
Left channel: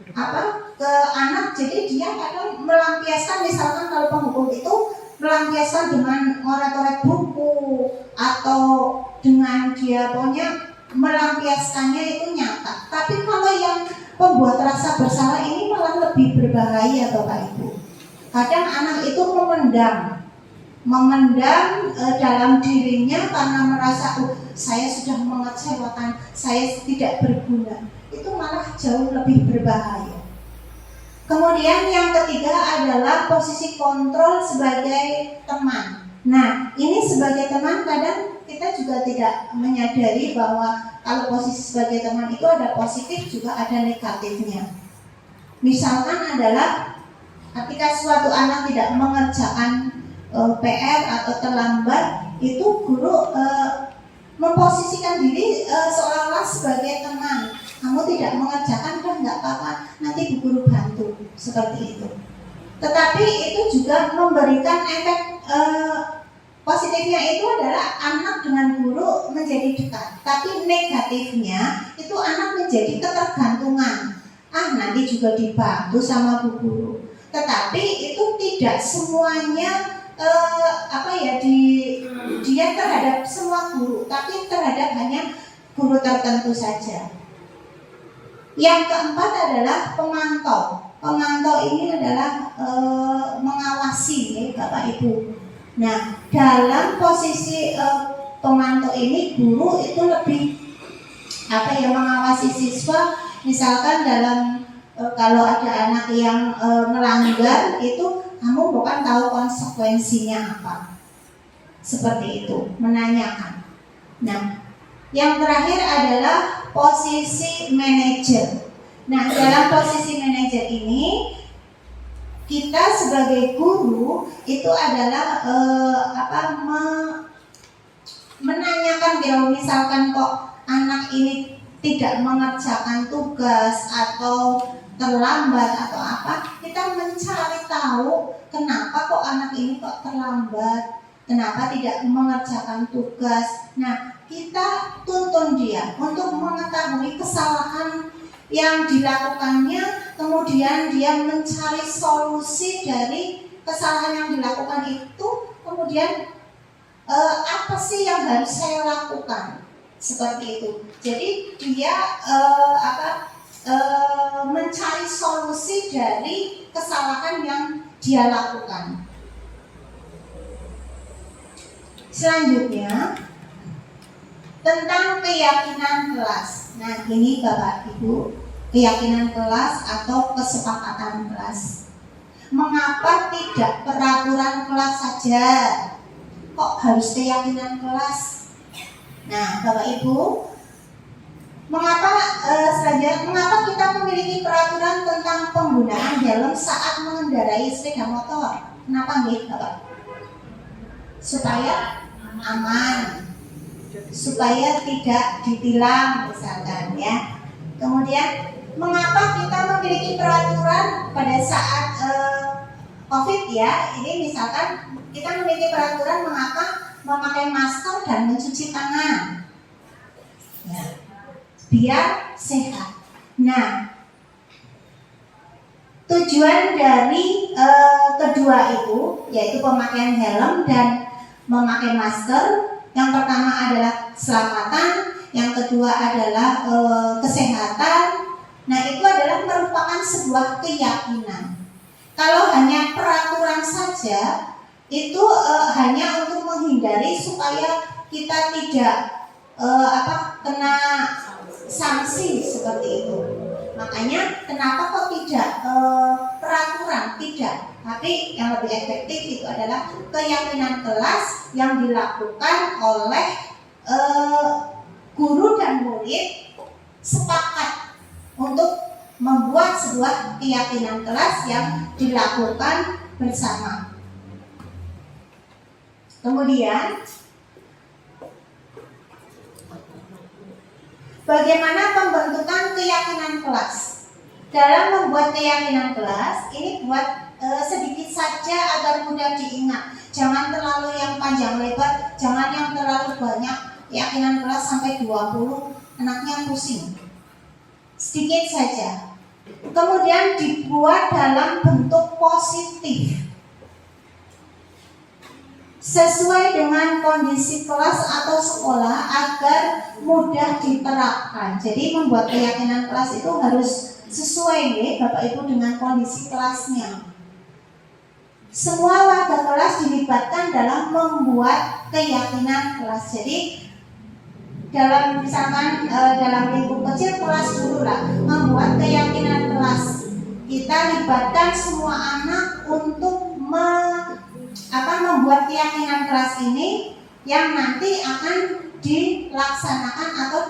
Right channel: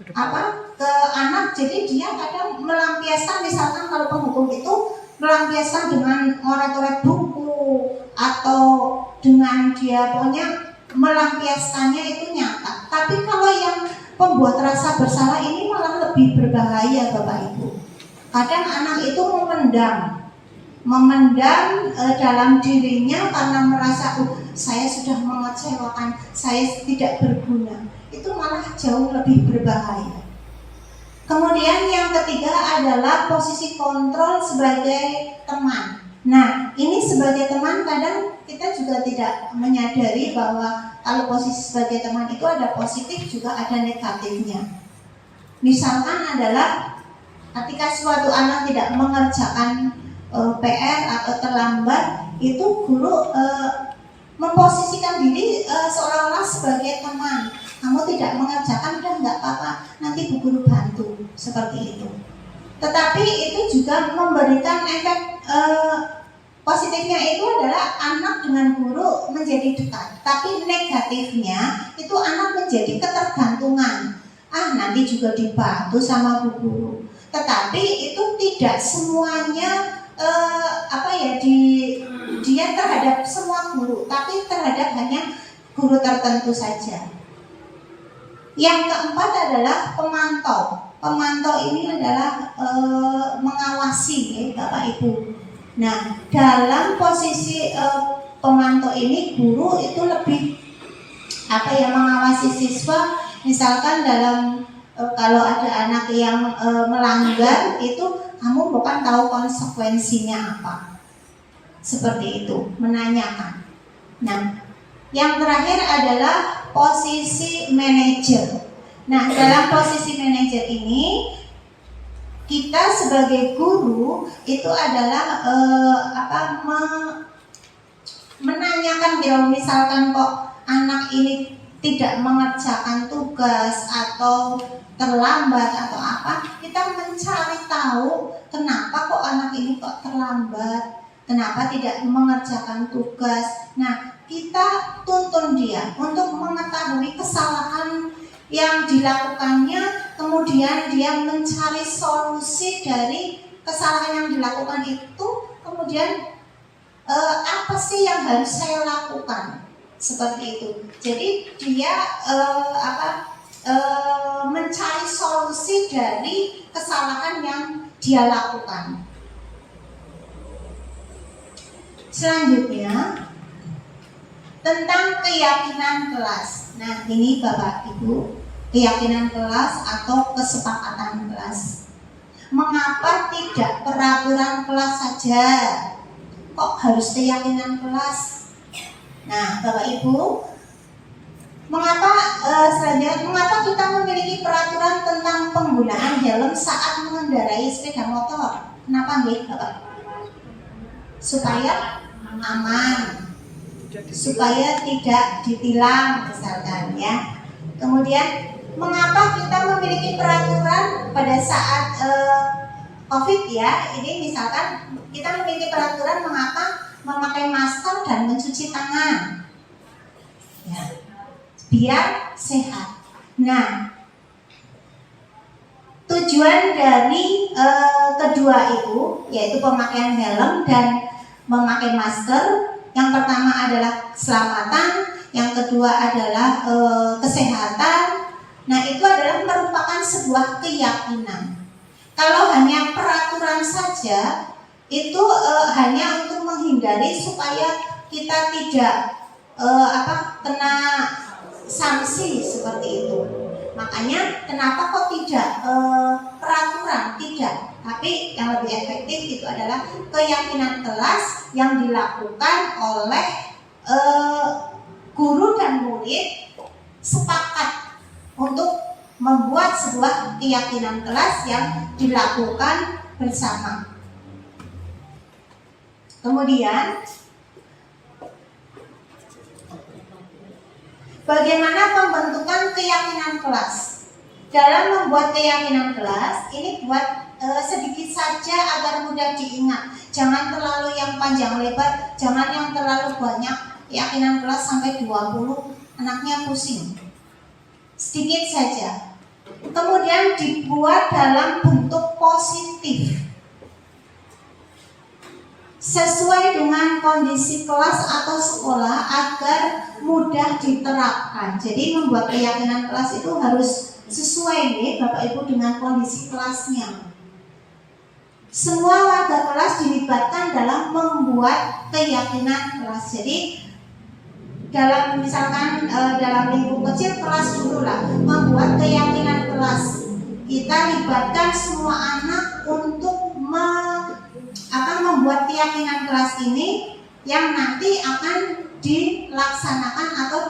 ke anak, jadi dia kadang melampiaskan, misalkan kalau penghukum itu melampiaskan dengan oret-oret buku atau dengan dia pokoknya melampiaskannya itu nyata. Tapi kalau yang pembuat rasa bersalah ini malah lebih berbahaya, Bapak Ibu. Kadang anak itu memendam dalam dirinya karena merasa saya sudah mengecewakan, saya tidak berguna. Itu malah jauh lebih berbahaya. Kemudian yang ketiga adalah posisi kontrol sebagai teman. Nah, ini sebagai teman kadang kita juga tidak menyadari bahwa kalau posisi sebagai teman itu ada positif juga ada negatifnya. Misalkan adalah ketika suatu anak tidak mengerjakan PR atau terlambat, itu guru memposisikan diri seolah-olah sebagai teman. Kamu tidak mengerjakan, dan nggak apa-apa, nanti bu guru bantu, seperti itu. Tetapi itu juga memberikan efek positifnya itu adalah anak dengan guru menjadi dekat. Tapi negatifnya itu anak menjadi ketergantungan. Nanti juga dibantu sama bu guru. Tetapi itu tidak semuanya dia terhadap semua guru, tapi terhadap hanya guru tertentu saja. Yang keempat adalah pemantau. Pemantau ini adalah mengawasi, ya, Bapak Ibu. Nah, dalam posisi pemantau ini guru itu lebih mengawasi siswa. Misalkan dalam kalau ada anak yang melanggar, itu kamu bukan tahu konsekuensinya apa. Seperti itu, menanyakan. Nah, yang terakhir adalah posisi manajer. Nah, dalam posisi manajer ini kita sebagai guru itu adalah menanyakan, kalau misalkan kok anak ini tidak mengerjakan tugas atau terlambat atau apa, kita mencari tahu kenapa kok anak ini kok terlambat, kenapa tidak mengerjakan tugas. Nah, kita tuntun dia untuk mengetahui kesalahan yang dilakukannya, kemudian dia mencari solusi dari kesalahan yang dilakukan itu, kemudian apa sih yang harus saya lakukan, seperti itu. Jadi dia mencari solusi dari kesalahan yang dia lakukan. Selanjutnya tentang keyakinan kelas. Nah, ini Bapak Ibu, keyakinan kelas atau kesepakatan kelas. Mengapa tidak peraturan kelas saja? Kok harus keyakinan kelas? Nah, Bapak Ibu, mengapa kita memiliki peraturan tentang penggunaan helm saat mengendarai sepeda motor? Kenapa nggih, Bapak? Supaya aman, supaya tidak ditilang misalkan, ya. Kemudian mengapa kita memiliki peraturan pada saat COVID, ya? Ini misalkan kita memiliki peraturan mengapa memakai masker dan mencuci tangan, ya, biar sehat. Nah, Tujuan dari kedua itu yaitu pemakaian helm dan memakai masker. Yang pertama adalah keselamatan, yang kedua adalah kesehatan. Nah, itu adalah merupakan sebuah keyakinan. Kalau hanya peraturan saja, itu hanya untuk menghindari supaya kita tidak kena sanksi seperti itu. Makanya kenapa kok tidak peraturan, tidak, tapi yang lebih efektif itu adalah keyakinan kelas yang dilakukan oleh guru dan murid sepakat untuk membuat sebuah keyakinan kelas yang dilakukan bersama. Kemudian bagaimana pembentukan keyakinan kelas? Dalam membuat keyakinan kelas, ini buat sedikit saja agar mudah diingat. Jangan terlalu yang panjang lebar, jangan yang terlalu banyak. Keyakinan kelas sampai 20, anaknya pusing. Sedikit saja. Kemudian dibuat dalam bentuk positif, sesuai dengan kondisi kelas atau sekolah agar mudah diterapkan. Jadi membuat keyakinan kelas itu harus sesuai nih Bapak Ibu dengan kondisi kelasnya. Semua warga kelas dilibatkan dalam membuat keyakinan kelas. Jadi dalam misalkan dalam lingkup kecil kelas dulu lah, membuat keyakinan kelas. Kita libatkan semua anak untuk membuat keyakinan kelas ini yang nanti akan dilaksanakan atau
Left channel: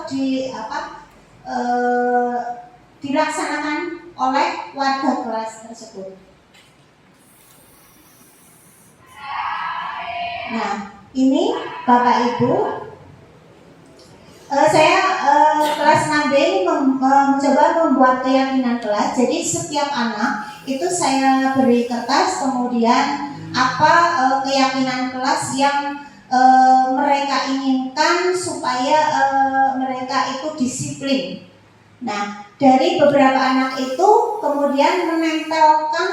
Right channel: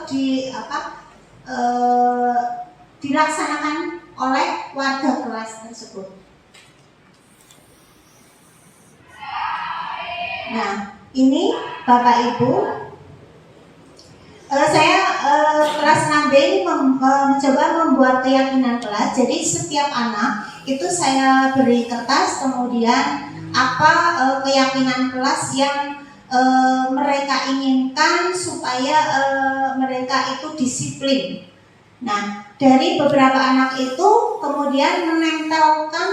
dilaksanakan oleh warga kelas tersebut. Nah, ini Bapak Ibu, saya kelas 6B ini mencoba membuat keyakinan kelas. Jadi setiap anak itu saya beri kertas, kemudian apa keyakinan kelas yang mereka inginkan supaya mereka itu disiplin. Nah, dari beberapa anak itu kemudian menempelkan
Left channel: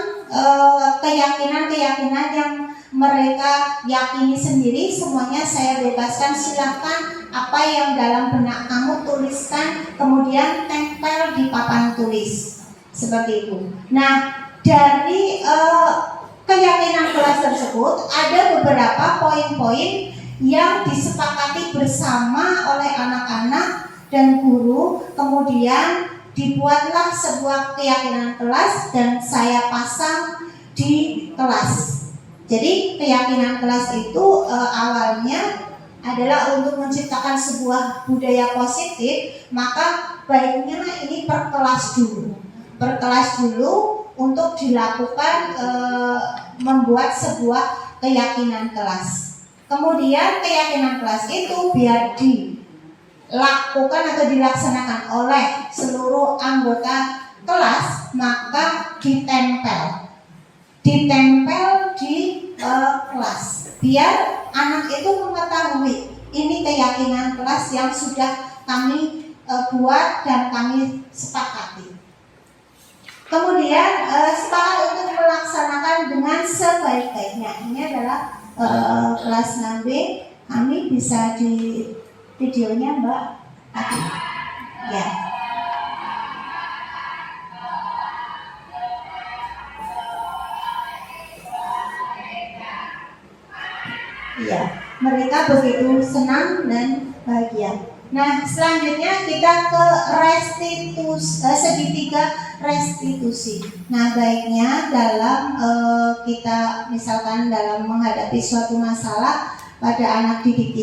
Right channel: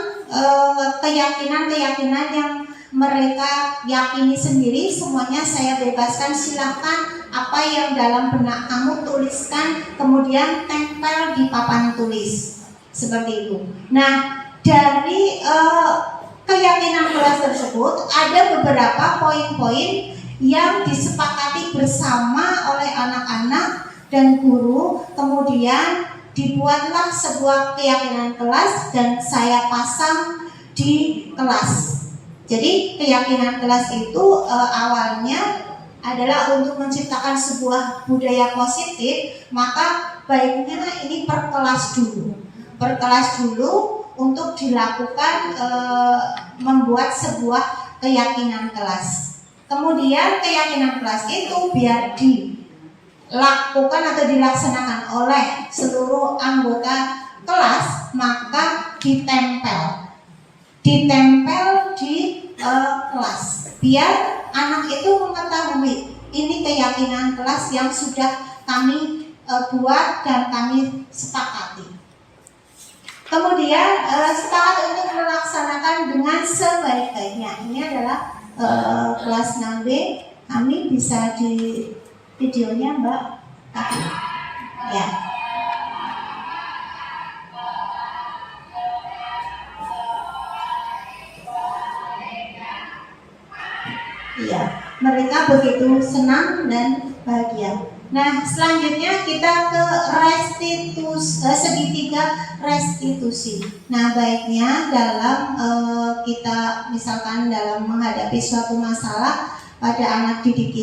keyakinan-keyakinan yang mereka yakini sendiri. Semuanya saya bebaskan, silahkan apa yang dalam benak kamu tuliskan, kemudian tempel di papan tulis seperti itu. Nah, dari keyakinan kelas tersebut ada beberapa poin-poin yang disepakati bersama oleh anak-anak dan guru. Kemudian dibuatlah sebuah keyakinan kelas dan saya pasang di kelas. Jadi keyakinan kelas itu awalnya adalah untuk menciptakan sebuah budaya positif. Maka baiknya ini per kelas dulu untuk dilakukan membuat sebuah keyakinan kelas. Kemudian keyakinan kelas itu biar dilakukan atau dilaksanakan oleh seluruh anggota kelas, maka ditempel di kelas, biar anak itu mengetahui ini keyakinan kelas yang sudah kami buat dan kami sepakati. Kemudian sepakat untuk melaksanakan dengan sebaik-baiknya. Ini adalah kelas 6B. Kami bisa di videonya Mbak. Ya. Iya, mereka begitu senang dan bahagia. Nah, selanjutnya kita ke segitiga restitusi. Nah, baiknya dalam kita misalkan dalam menghadapi suatu masalah pada anak didik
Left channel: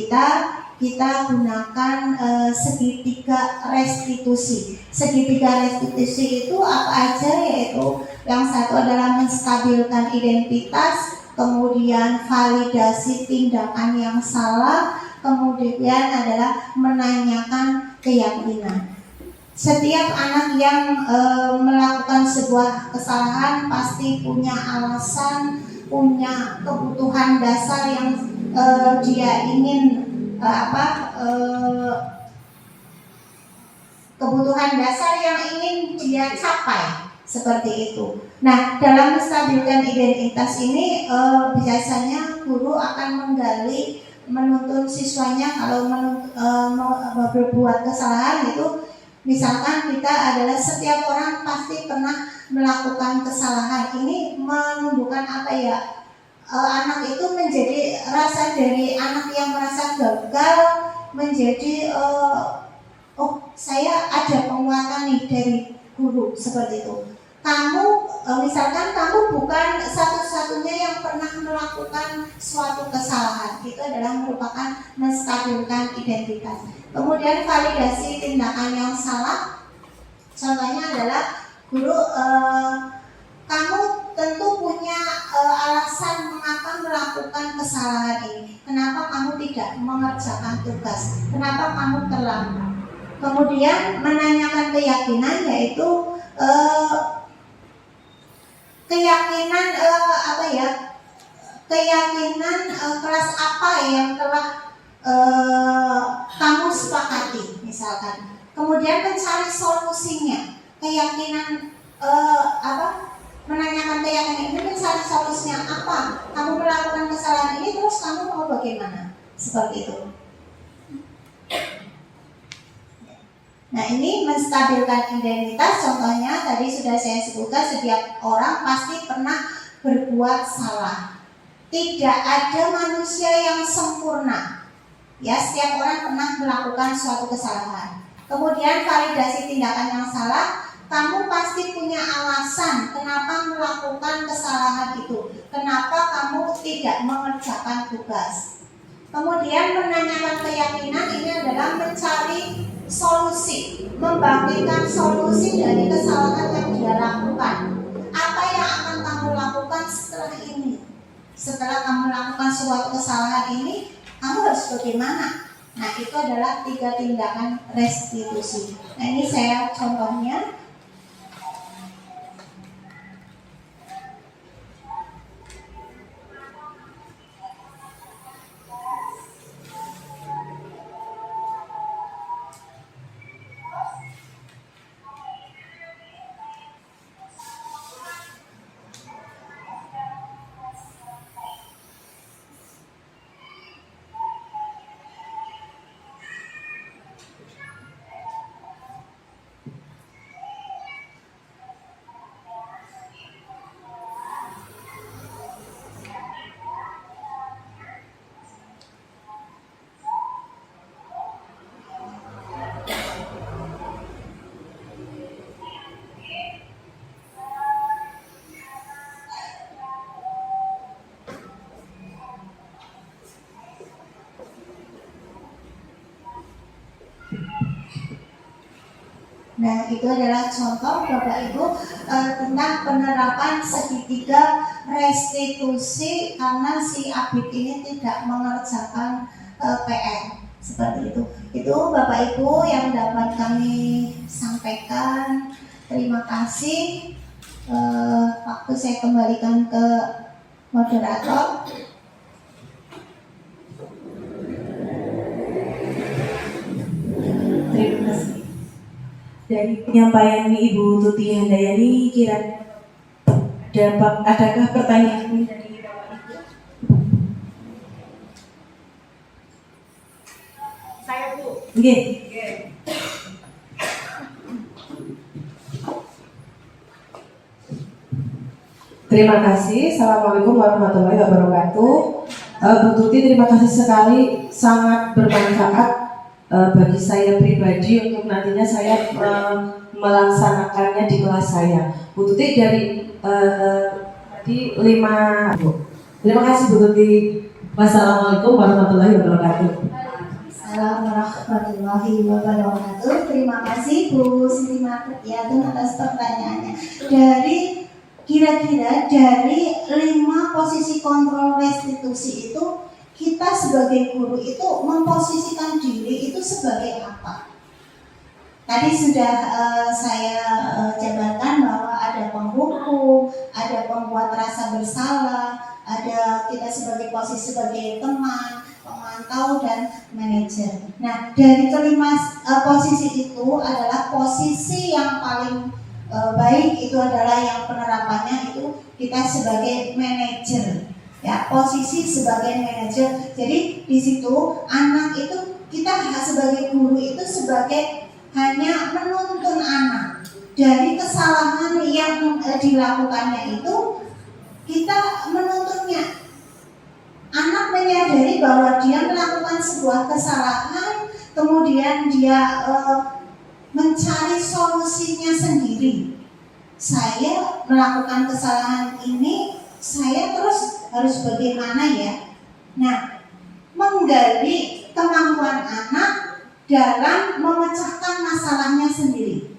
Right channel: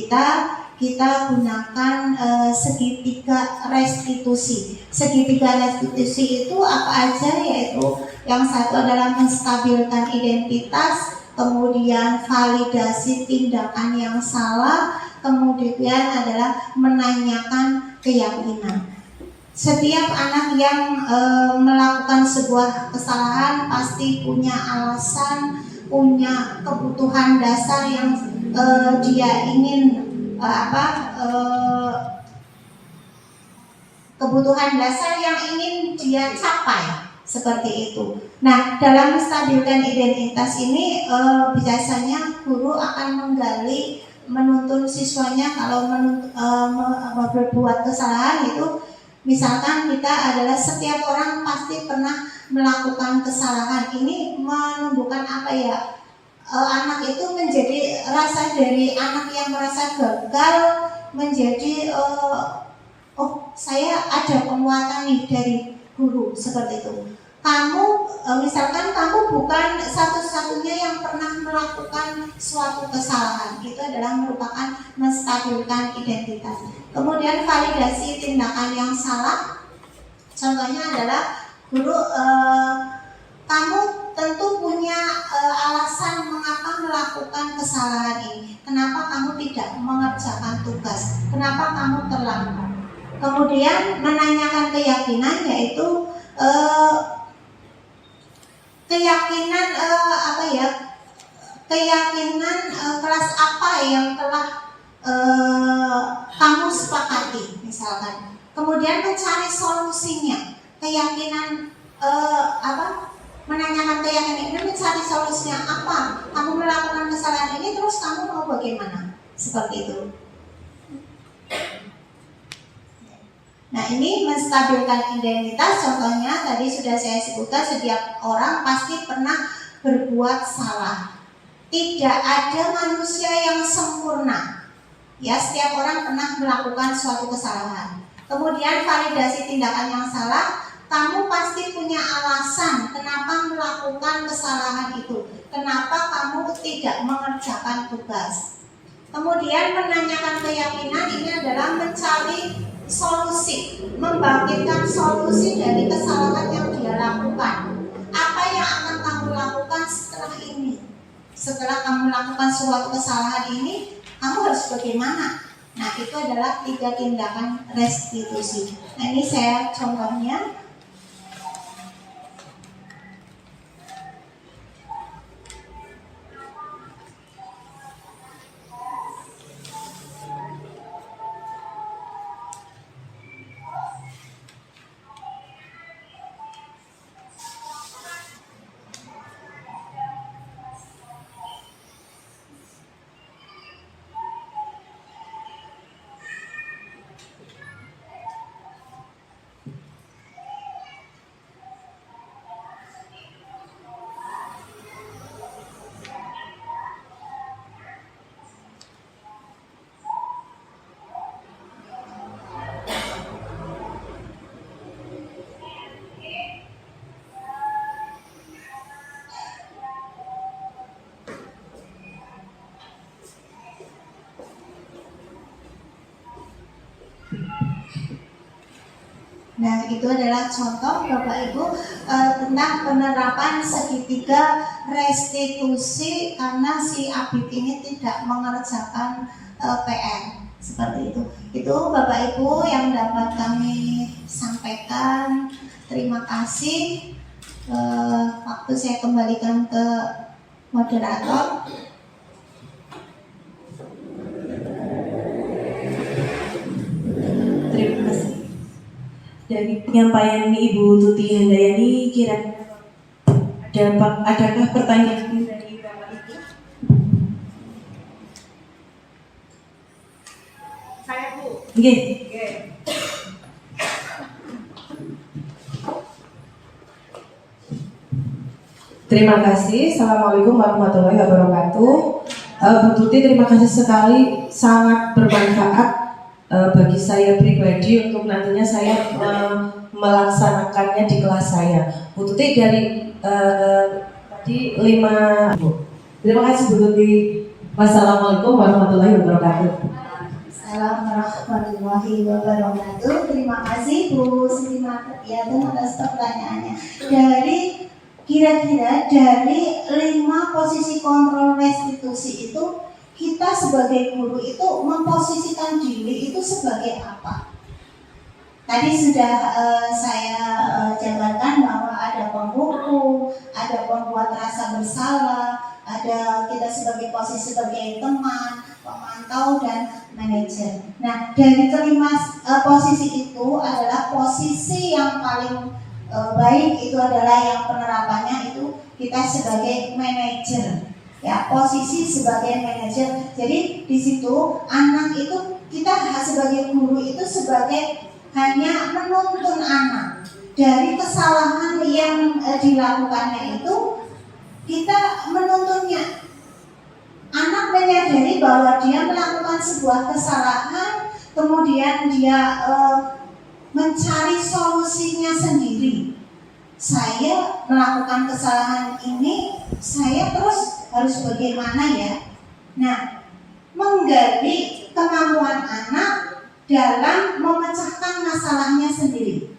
kita gunakan segitiga restitusi. Segitiga restitusi itu apa aja? Yaitu yang satu adalah menstabilkan identitas, kemudian validasi tindakan yang salah, kemudian adalah menanyakan keyakinan. Setiap anak yang melakukan sebuah kesalahan pasti punya alasan, punya kebutuhan dasar yang dia ingin kebutuhan dasar yang ingin dia capai. seperti itu. Nah, dalam menstabilkan identitas ini biasanya guru akan menggali, menuntun siswanya kalau berbuat kesalahan itu, misalkan kita adalah setiap orang pasti pernah melakukan kesalahan. Ini menunjukkan apa ya? Anak itu menjadi rasa dari anak yang merasa gagal menjadi oh saya ada penguatan nih dari guru seperti itu. Kamu misalkan kamu bukan satu-satunya yang pernah melakukan suatu kesalahan, itu adalah merupakan menstabilkan identitas. Kemudian validasi tindakan yang salah, contohnya adalah guru, kamu tentu punya alasan mengapa melakukan kesalahan ini. Kenapa kamu tidak mengerjakan tugas? Kenapa kamu terlambat? Kemudian menanyakan keyakinan, yaitu keyakinan keyakinan kelas apa yang telah kamu sepakati misalkan. Kemudian mencari solusinya, keyakinan menanyakan keyakinan ini, mencari solusinya apa. Kamu melakukan kesalahan ini, terus kamu mau bagaimana? Seperti itu. Nah, ini menstabilkan identitas. Contohnya tadi sudah saya sebutkan, setiap orang pasti pernah berbuat salah. Tidak ada manusia yang sempurna. Ya, setiap orang pernah melakukan suatu kesalahan. Kemudian validasi tindakan yang salah. Kamu pasti punya alasan kenapa melakukan kesalahan itu. Kenapa kamu tidak mengerjakan tugas. Kemudian menanyakan keyakinan, ini adalah mencari solusi, membangkitkan solusi dari kesalahan yang dia lakukan. Apa yang akan kamu lakukan setelah ini? Setelah kamu melakukan suatu kesalahan ini, kamu harus bagaimana? Nah, itu adalah 3 tindakan restitusi. Nah, ini saya contohnya. Nah, itu adalah contoh Bapak Ibu tentang penerapan segitiga restitusi karena si Abid ini tidak mengerjakan PR. Seperti itu. Itu Bapak Ibu yang dapat kami sampaikan. Terima kasih. Waktu saya kembalikan ke moderator. Terima kasih. Dari penyampaian Ibu Tuti Handayani, kira-kira adakah pertanyaan dari Bapak Ibu? Saya Bu. Nggih. Terima kasih. Assalamualaikum warahmatullahi wabarakatuh. Bu Tuti, terima kasih sekali, sangat bermanfaat bagi saya pribadi untuk nantinya saya melaksanakannya di kelas saya. Bu Tuti dari tadi 5 Bu. Terima kasih Bu Tuti. Wassalamualaikum warahmatullahi wabarakatuh. Assalamualaikum warahmatullahi wabarakatuh. Terima kasih Bu Sri Martiatun atas pertanyaannya. Kira-kira dari 5 posisi kontrol restitusi itu, kita sebagai guru itu memposisikan diri itu sebagai apa? Tadi sudah saya jabarkan bahwa ada penghukum, ada pembuat rasa bersalah, ada kita sebagai posisi sebagai teman, pemantau, dan manajer. Nah, dari kelima posisi itu adalah posisi yang paling baik itu adalah kita sebagai manajer, ya, posisi sebagai manajer. Jadi di situ anak itu kita sebagai guru itu sebagai hanya menuntun anak dari kesalahan yang dilakukannya itu, kita menuntunnya. Anak menyadari bahwa dia melakukan sebuah kesalahan, kemudian dia mencari solusinya sendiri. Saya melakukan kesalahan ini, saya terus harus bagaimana ya? Nah, menggali kemampuan anak dalam memecahkan masalahnya sendiri.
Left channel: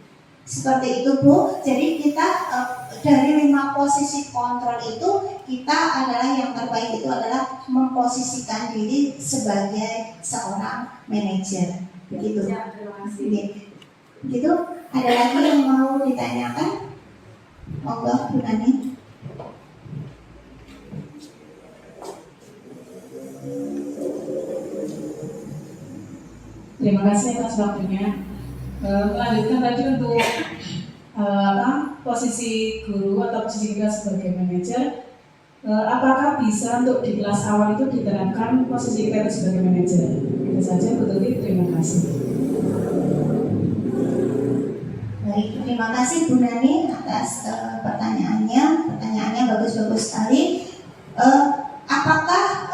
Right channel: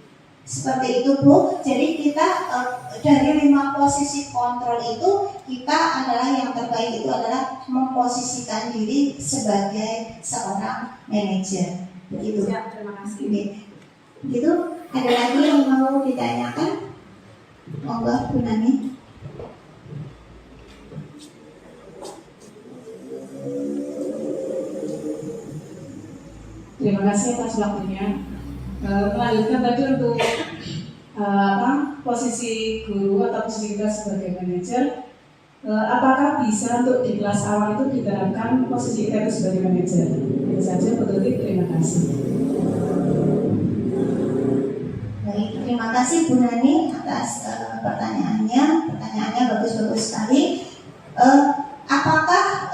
Seperti itu Bu. Jadi kita dari 5 posisi kontrol itu, kita adalah yang terbaik itu adalah memposisikan diri sebagai seorang manajer. Begitu. Ya, terima kasih. Begitu. Ada lagi yang mau ditanyakan? Monggo Bu Nani. Terima kasih atas waktunya. Melanjutkan tadi untuk posisi guru atau posisi kita sebagai manajer, apakah bisa untuk di kelas awal itu diterapkan posisi kita itu sebagai manajer? Itu saja Bu Tuti, terima kasih. Baik, terima kasih Bu Nani atas pertanyaannya. Pertanyaannya bagus-bagus sekali. Apakah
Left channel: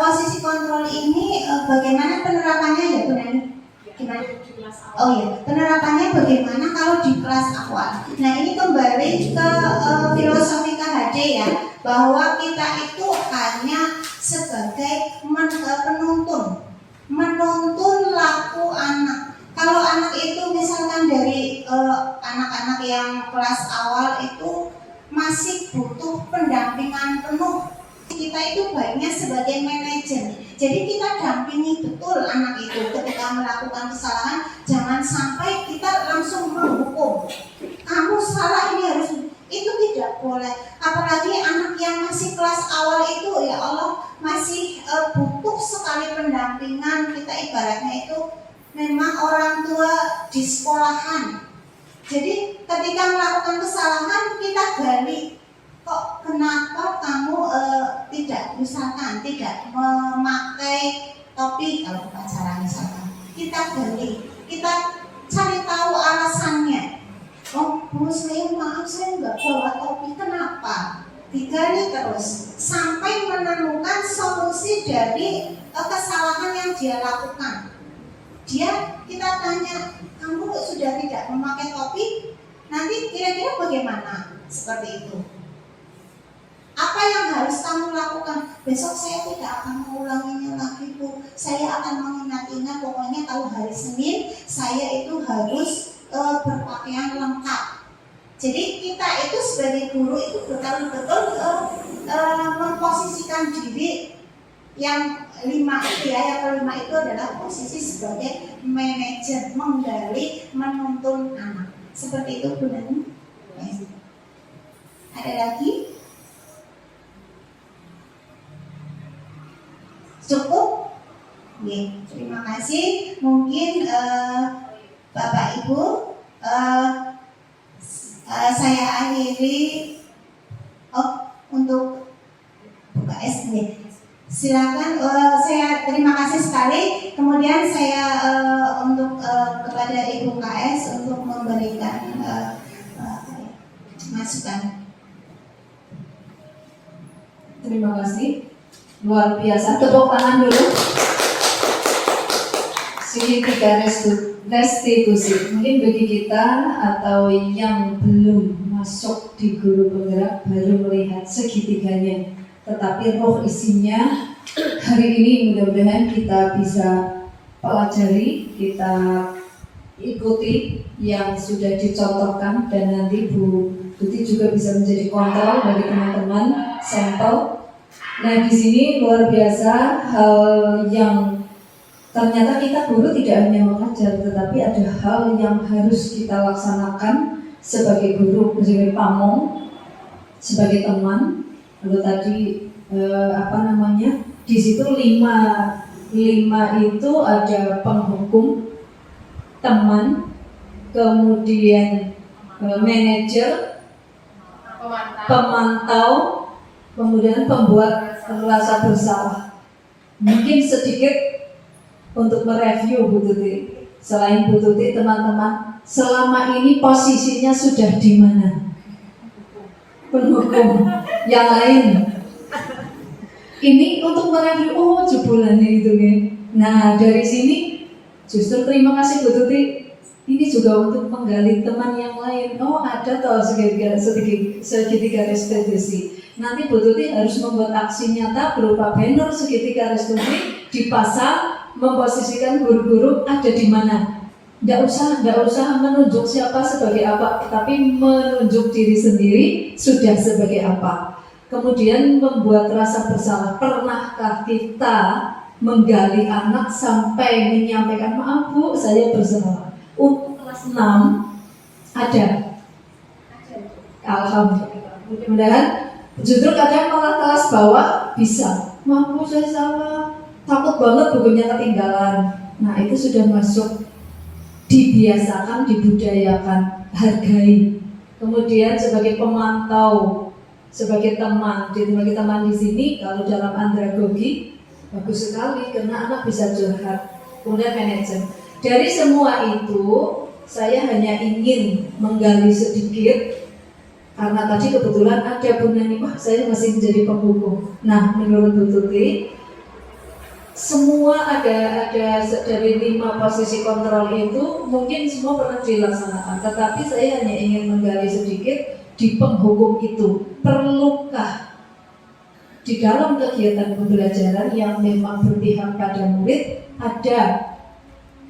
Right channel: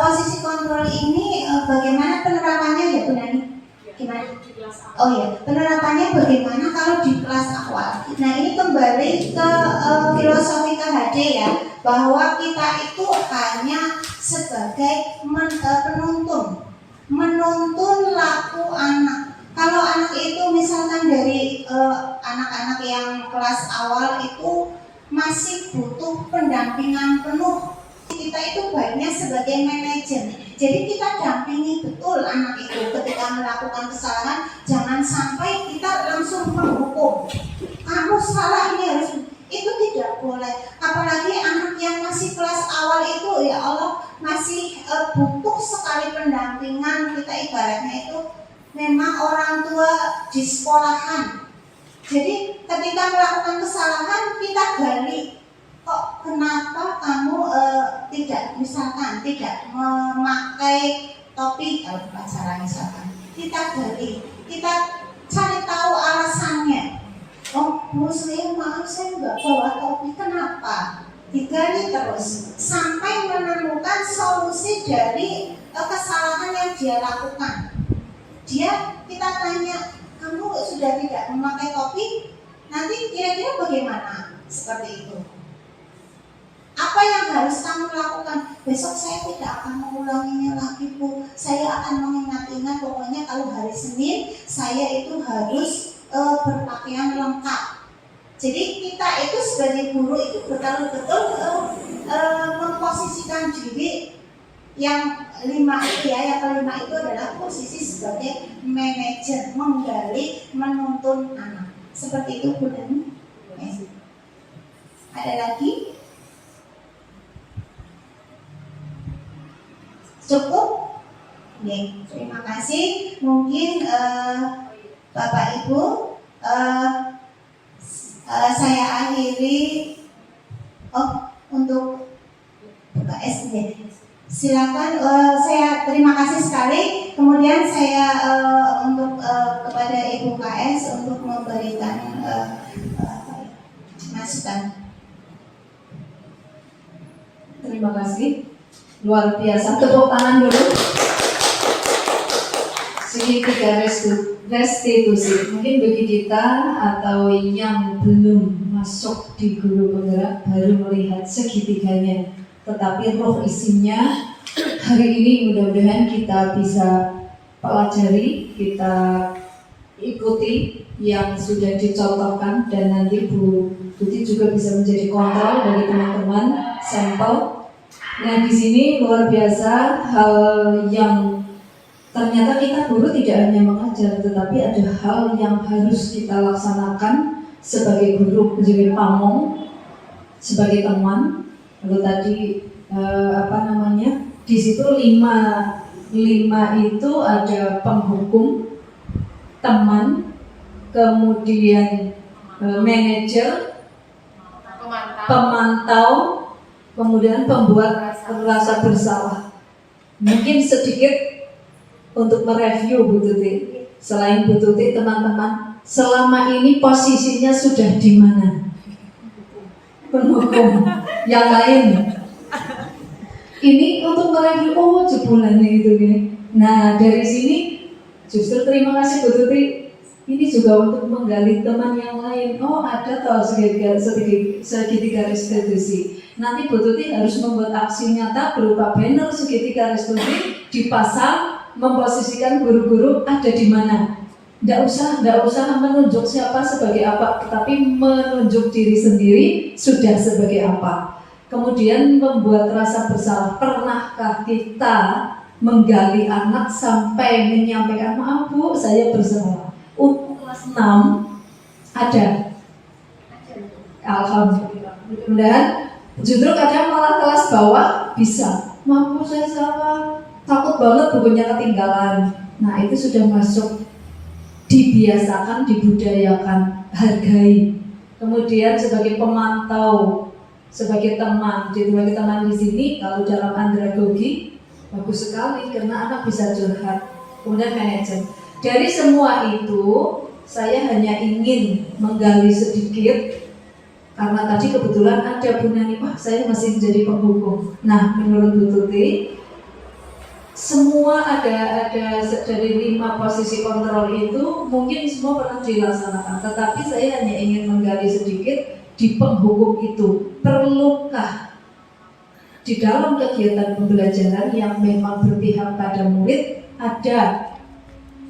posisi kontrol ini bagaimana penerapannya ya Bu Nani? Gimana? Oh ya, penerapannya bagaimana kalau di kelas awal? Nah, ini kembali ke filosofi KHD ya, bahwa kita itu hanya sebagai menuntun laku anak. Kalau anak itu misalkan dari anak-anak yang kelas awal itu masih butuh pendampingan penuh, kita itu baiknya sebagai manajer. Jadi kita dampingi betul anak itu ketika melakukan kesalahan. Jangan sampai kita langsung menghukum. Kamu salah, ini harus, itu tidak boleh. Apalagi anak yang masih kelas awal itu, ya Allah, masih butuh sekali pendampingan. Kita ibaratnya itu memang orang tua di sekolahan. Jadi ketika melakukan kesalahan, kita gali. Kok kenapa kamu tidak memakai topi kalau upacara misalkan? Kita gali, kita cari tahu alasannya. Oh Bu, maaf saya nggak bawa topi, kenapa? Digali terus sampai menemukan solusi dari kesalahan yang dia lakukan. Kita tanya, kamu sudah tidak memakai topi, nanti kira-kira bagaimana? Seperti itu. Apa yang harus kamu lakukan? Besok saya tidak akan mengulanginya lagi Bu. Saya akan mengingat-ingat, pokoknya kalau hari Senin saya itu harus berpakaian lengkap. Jadi kita itu sebagai guru itu betul-betul memposisikan diri yang 5 itu ya, yang kelima itu adalah posisi sebagai manajer, menggali, menuntun anak. Seperti itu Bu Nani. Ada lagi? Cukup? Ya, terima kasih. Mungkin Bapak Ibu, saya akhiri untuk UKS ya. Silakan, saya terima kasih sekali. Kemudian saya untuk kepada Ibu KS untuk memberikan masukan. Terima kasih. Luar biasa, tepuk tangan dulu. Signifikan restitusi. Mungkin bagi kita atau yang belum masuk di guru penggerak baru melihat segitiganya, tetapi roh isinya hari ini mudah-mudahan kita bisa pelajari, kita ikuti yang sudah dicontohkan, dan nanti Bu Tuti juga bisa menjadi kontrol dari teman-teman sampel. Nah, di sini luar biasa hal yang ternyata kita guru tidak hanya mengajar, tetapi ada hal yang harus kita laksanakan sebagai guru, sebagai pamong, sebagai teman. Lalu tadi di situ lima itu ada penghukum, teman, kemudian manajer, pemantau, kemudian pembuat rasa bersalah. Mungkin sedikit untuk mereview Bu Tuti. Selain Bu Tuti, teman-teman, selama ini posisinya sudah di mana? Penhukum yang lain. Ini untuk mereview, oh jebolannya gitu kan. Nah dari sini justru terima kasih Bu Tuti. Ini juga untuk menggali teman yang lain. Oh ada toh segitiga restitusi. Nanti Bu Tuti harus membuat aksi nyata berupa banner segitiga restitusi dipasang, memposisikan guru-guru ada di mana. Nggak usah menunjuk siapa sebagai apa, tapi menunjuk diri sendiri sudah sebagai apa. Kemudian membuat rasa bersalah. Pernahkah kita menggali anak sampai menyampaikan maaf Bu, saya bersalah? Untuk kelas 6 ada. Alhamdulillah. Mudah-mudahan justru kadang malah kelas bawah bisa. Maaf Bu, saya salah. Takut banget bukunya ketinggalan. Nah itu sudah masuk, dibiasakan, dibudayakan, hargai. Kemudian sebagai pemantau, sebagai teman di sini, kalau dalam andragogi bagus sekali karena anak bisa curhat. Kemudian manajer. Dari semua itu saya hanya ingin menggali sedikit karena tadi kebetulan ada Bu Nani, saya masih menjadi penghukum. Nah menurut Bu Tuti, semua ada dari 5 posisi kontrol itu mungkin semua pernah dilaksanakan, tetapi saya hanya ingin menggali sedikit di penghukum itu. Perlukah di dalam kegiatan pembelajaran yang memang berpihak pada murid ada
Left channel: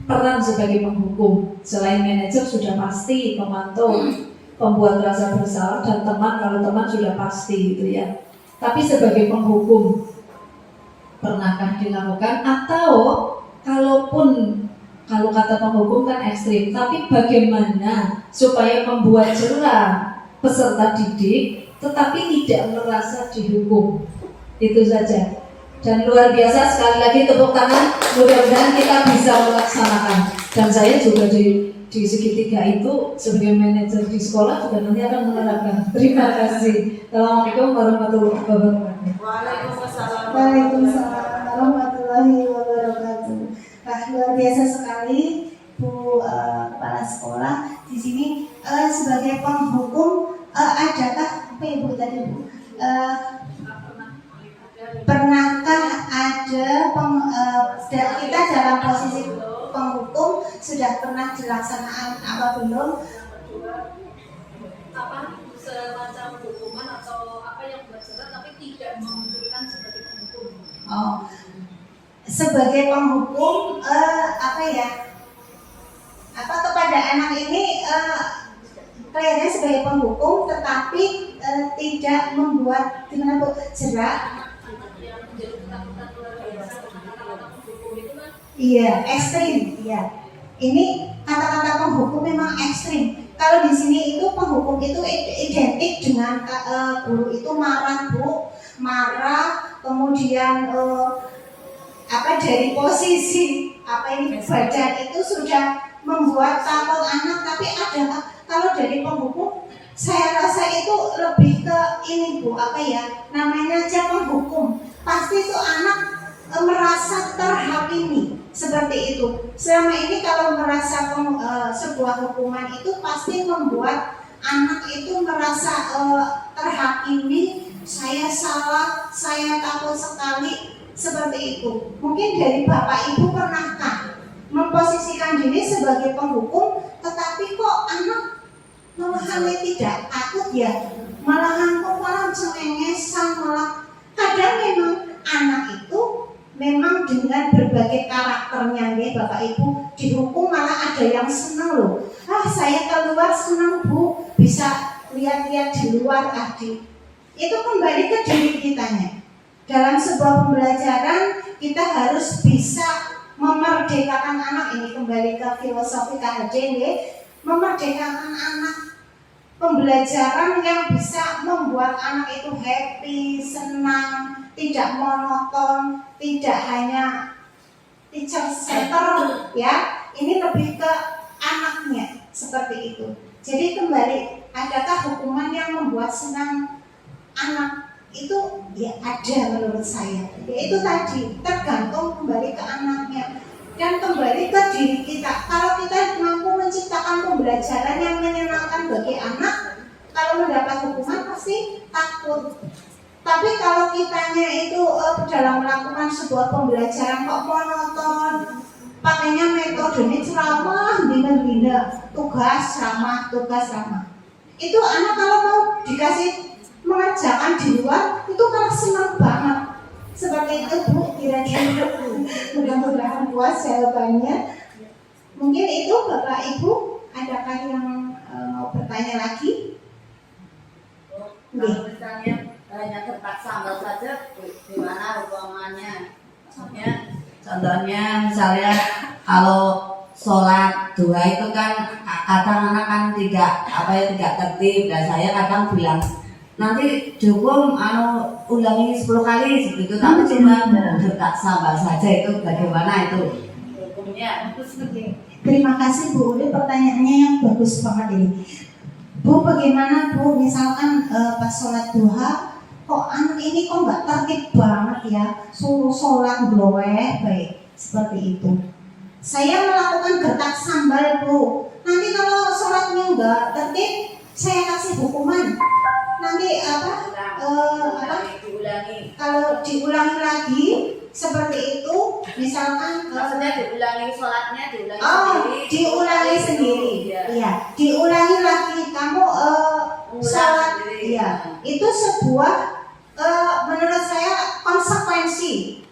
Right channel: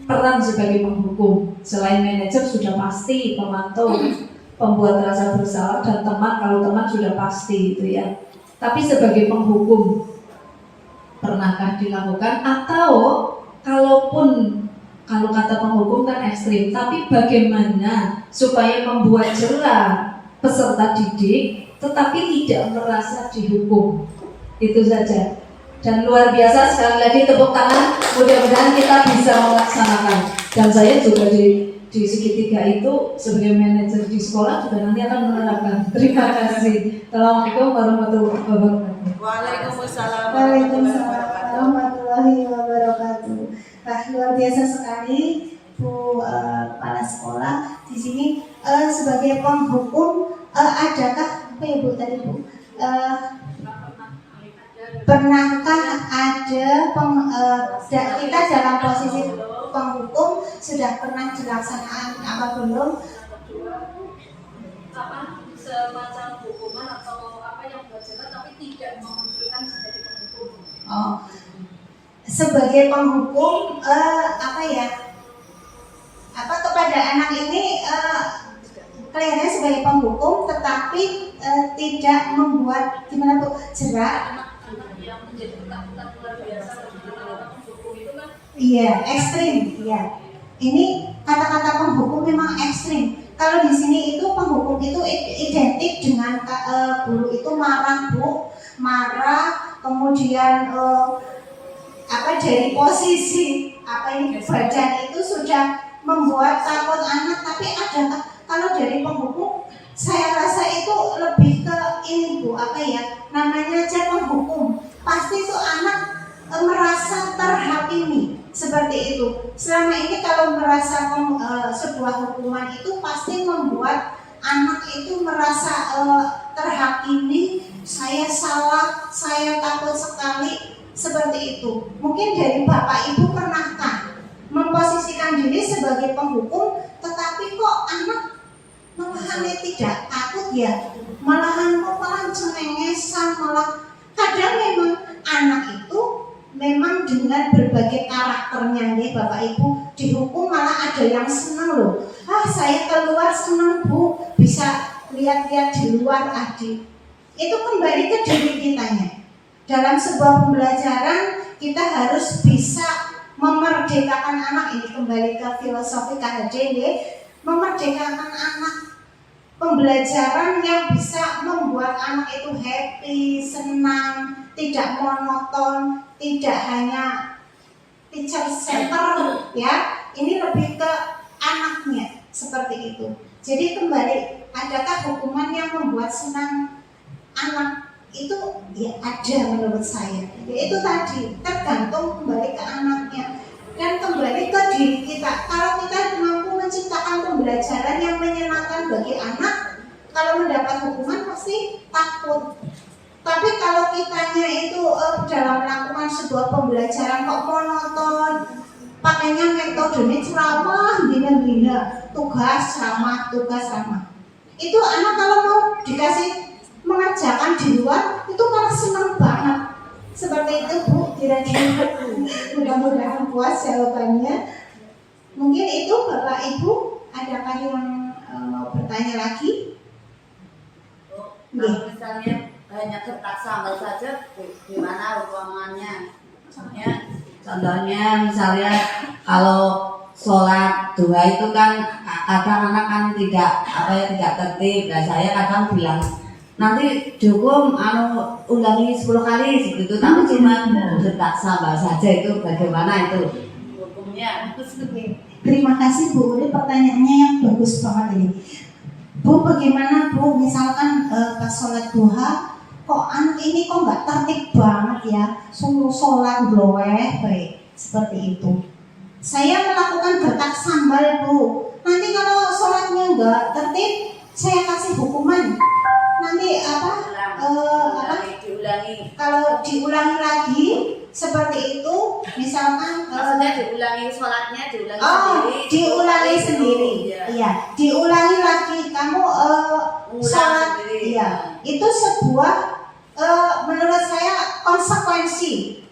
peran sebagai penghukum? Selain manajer sudah pasti, pemantau, pembuat rasa bersalah, dan teman, kalau teman sudah pasti itu ya. Tapi sebagai penghukum pernahkah dilakukan? Atau kalau kata penghukum kan ekstrim, tapi bagaimana supaya membuat jerah peserta didik tetapi tidak merasa dihukum? Itu saja. Dan luar biasa, sekali lagi tepuk tangan, mudah-mudahan kita bisa melaksanakan. Dan saya juga di segitiga itu sebagai manajer di sekolah juga nanti akan menerapkan. Terima kasih. Assalamualaikum warahmatullahi wabarakatuh. Waalaikumsalam warahmatullahi wabarakatuh. Nah, luar biasa sekali Bu Kepala Sekolah di sini. Sebagai penghukum, adakah apa ya Bu tadi Bu? Pernahkah ada kita dalam posisi penghukum sudah pernah dilaksanakan apa belum? Apa semacam hukuman atau apa yang buat jerah tapi tidak memunculkan sebagai penghukum? Oh, sebagai penghukum kepada anak ini kelihatannya sebagai penghukum tetapi tidak membuat gimana Bu jerah. Yang menjadi ketakutan luar biasa kata-kata penghukum itu kan? Iya, ekstrim. Iya. Ini kata-kata penghukum memang ekstrim. Kalau di sini itu penghukum itu identik dengan guru itu marah Bu, marah, kemudian dari posisi badan itu sudah membuat takut anak. Tapi ada kalau dari penghukum, saya rasa itu lebih ke ini Bu, namanya aja penghukum. Pasti itu anak merasa terhakimi seperti itu. Selama ini kalau merasa sebuah hukuman itu pasti membuat anak itu merasa terhakimi, saya salah, saya takut sekali, seperti itu. Mungkin dari Bapak Ibu pernahkah memposisikan diri sebagai penghukum, tetapi kok anak malahan tidak takut ya, malahan kok malah cengengesan, malah kadang memang anak itu memang dengan berbagai karakternya nih Bapak Ibu dihukum malah ada yang senang loh. Saya keluar senang Bu, bisa lihat-lihat di luar adik. Itu kembali ke diri kitanya. Dalam sebuah pembelajaran kita harus bisa memerdekakan anak. Ini kembali ke filosofi KHD nih, memerdekakan anak. Pembelajaran yang bisa membuat anak itu happy, senang, tidak monoton, tidak hanya teacher center ya. Ini lebih ke anaknya seperti itu. Jadi kembali adakah hukuman yang membuat senang anak? Itu ya ada menurut saya. Yaitu tadi tergantung kembali ke anaknya dan kembali ke diri kita. Kalau kita mampu menciptakan pembelajaran yang menyenangkan bagi anak, kalau mendapat hukuman pasti takut. Tapi kalau kitanya itu dalam melakukan sebuah pembelajaran kok monoton, pakainya metode ceramah, bina-bina, tugas ramah, itu anak kalau mau dikasih mengerjakan di luar itu malah senang banget. Seperti itu Bu, kira-kira mudah-mudahan puas jawabannya. Mungkin itu Bapak Ibu, adakah yang mau bertanya lagi? Kalau misalnya hanya kertas sambal saja, gimana hukumannya? Maksudnya, contohnya misalnya kalau sholat dua itu kan kadang anak kan tidak tertib. Dan saya kadang bilang nanti dihukum ulangi 10 kali segitu, tapi cuma kertas sambal saja, itu bagaimana itu hukumnya? Terima kasih Bu, ini pertanyaannya yang bagus banget ini. Bu, bagaimana Bu, misalkan pas sholat duha, kok anak ini kok nggak tertib banget ya, suruh sholat bloweh, baik seperti itu. Saya melakukan gertak sambal Bu, nanti kalau sholatnya nggak tertib, saya kasih hukuman. Nanti diulangi. Kalau diulangi lagi seperti itu, misalkan Maksudnya diulangi sholatnya, diulangi sendiri. Iya, diulangi lagi. Kamu sholat, sendiri. iya. Itu sebuah menurut saya konsekuensi.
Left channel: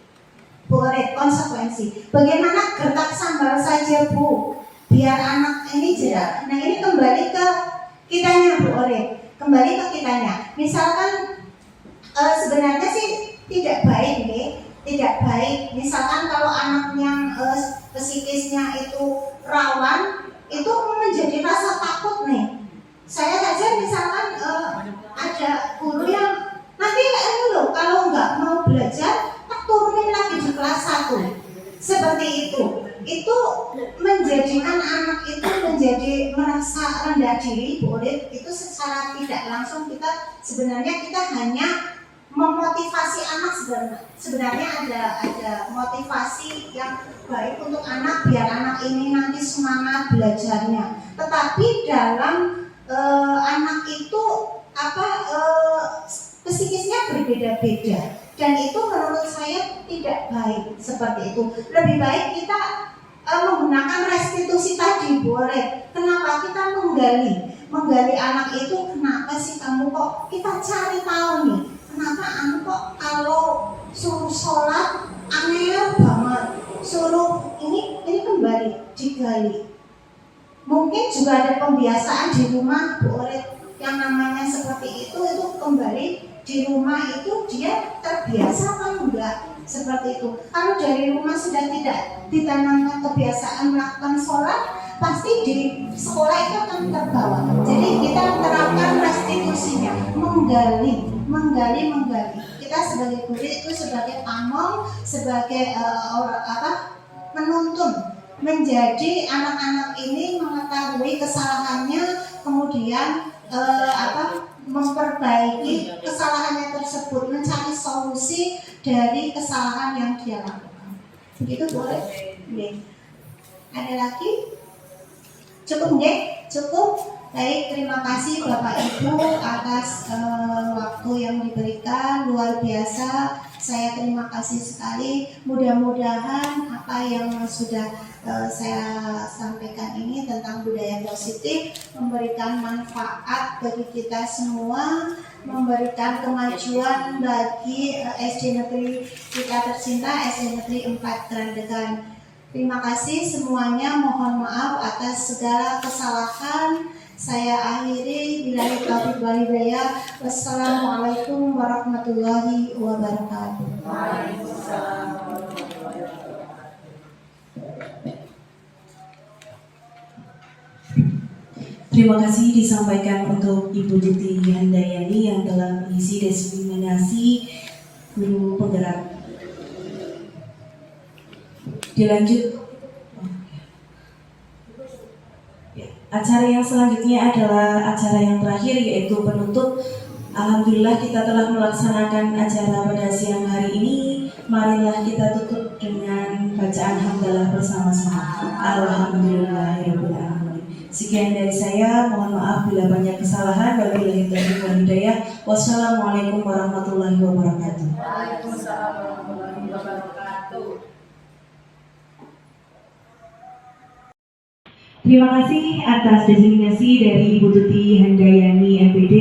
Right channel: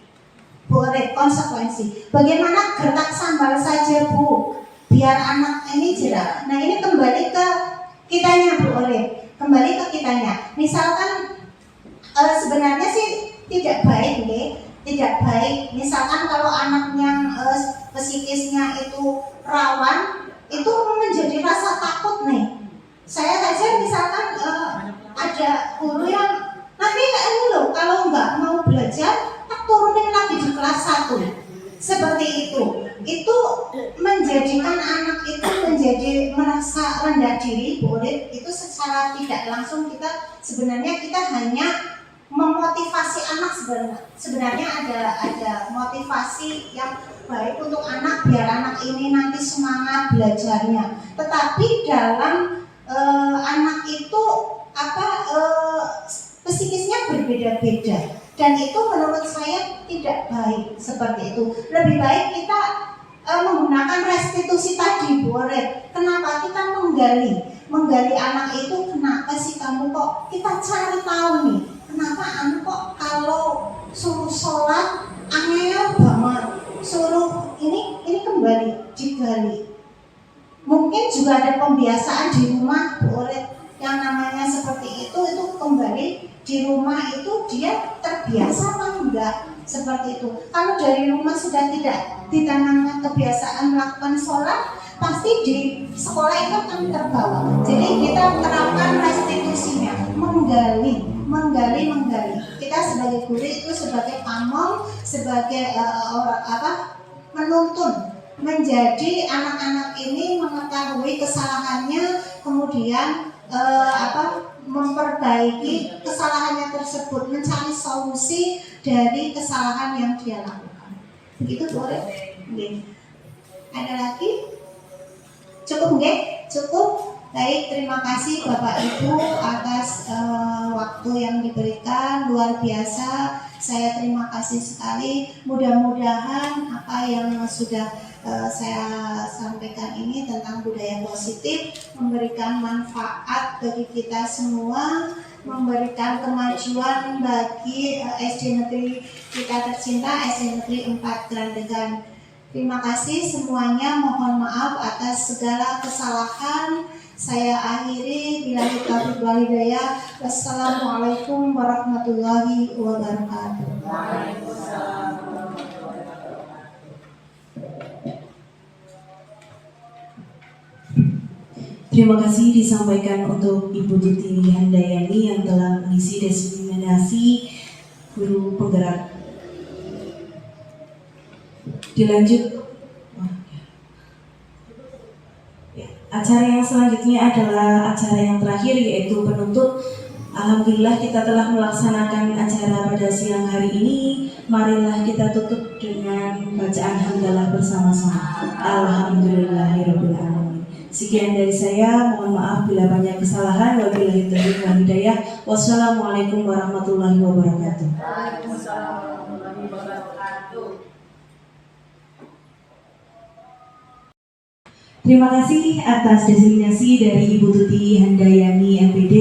Boleh konsekuensi. Bagaimana gertak sambal saja Bu, biar anak ini jelas. Nah ini kembali ke kitanya Bu Ore. Kembali ke kitanya. Misalkan sebenarnya sih tidak baik nih. Tidak baik, misalkan kalau anak yang psikisnya itu rawan, itu menjadi rasa takut nih. Saya saja misalkan ada guru yang nanti ini loh, kalau nggak mau belajar, tak turunin lagi di kelas 1. Seperti itu menjadikan anak itu menjadi merasa rendah diri, boleh itu secara tidak langsung sebenarnya kita hanya memotivasi anak. Sebenarnya ada motivasi yang baik untuk anak biar anak ini nanti semangat belajarnya. Tetapi dalam anak itu psikisnya berbeda-beda dan itu menurut saya tidak baik seperti itu. Lebih baik kita menggunakan restitusi tadi, boleh. Kenapa kita menggali anak itu? Kenapa sih kamu kok? Kita cari tahu nih. Kenapa anu kok kalau suruh sholat angel banget, suruh ini kembali digali. Mungkin juga ada pembiasaan di rumah Bu Oret yang namanya seperti itu kembali di rumah itu dia terbiasa apa enggak seperti itu. Kalau dari rumah sudah tidak ditanamkan kebiasaan melakukan sholat, pasti di sekolah itu akan terbawa. Jadi kita terapkan restitusinya, menggali. Kita sebagai guru itu sebagai pamong, sebagai menuntun, menjadi anak-anak ini mengetahui kesalahannya, kemudian memperbaiki kesalahannya tersebut, mencari solusi dari kesalahan yang dia lakukan. Begitu boleh? Ada lagi? Cukup nggih? Cukup. Baik, terima kasih Bapak Ibu atas waktu yang diberikan, luar biasa. Saya terima kasih sekali. Mudah-mudahan apa yang sudah saya sampaikan ini tentang budaya positif memberikan manfaat bagi kita semua, memberikan kemajuan bagi SD Negeri kita tercinta, SD Negeri 4 Grandegan. Terima kasih semuanya, mohon maaf atas segala kesalahan. Saya akhiri, billahi taufiq wal hidayah. Wassalamualaikum warahmatullahi wabarakatuh. Terima kasih disampaikan untuk Ibu Titi Handayani yang telah mengisi diseminasi guru penggerak. Dilanjut. Acara acara yang selanjutnya adalah acara yang terakhir yaitu penutup. Alhamdulillah kita telah melaksanakan acara pada siang hari ini. Marilah kita tutup dengan bacaan hamdalah bersama-sama. Alhamdulillahirabbil alamin. Sekian dari saya, mohon maaf bila banyak kesalahan. Wabillahi taufiq wal hidayah. Wassalamualaikum warahmatullahi wabarakatuh. Waalaikumsalam warahmatullahi wabarakatuh. Terima kasih atas designasi dari Ibu Tuti Handayani MPD.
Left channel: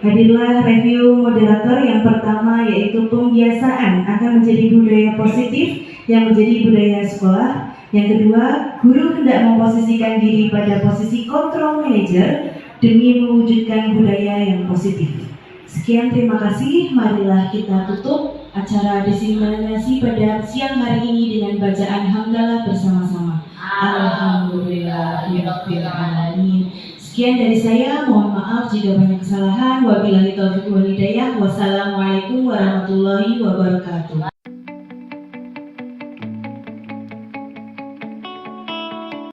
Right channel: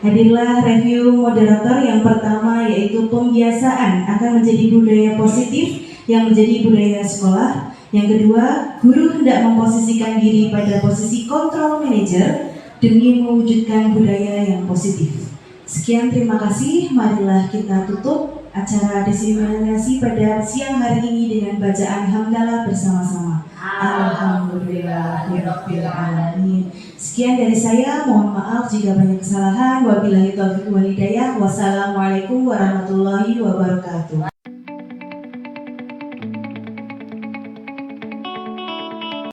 Hadirlah review moderator yang pertama yaitu pembiasaan akan menjadi budaya positif yang menjadi budaya sekolah. Yang kedua, guru hendak memposisikan diri pada posisi control manager demi mewujudkan budaya yang positif. Sekian, terima kasih. Marilah kita tutup acara designasi pada siang hari ini dengan bacaan hamdalah bersama-sama. Alhamdulillahirabbil alamin. Sekian dari saya, mohon maaf jika banyak kesalahan. Wabillahi taufiq wal hidayah. Wassalamualaikum warahmatullahi wabarakatuh.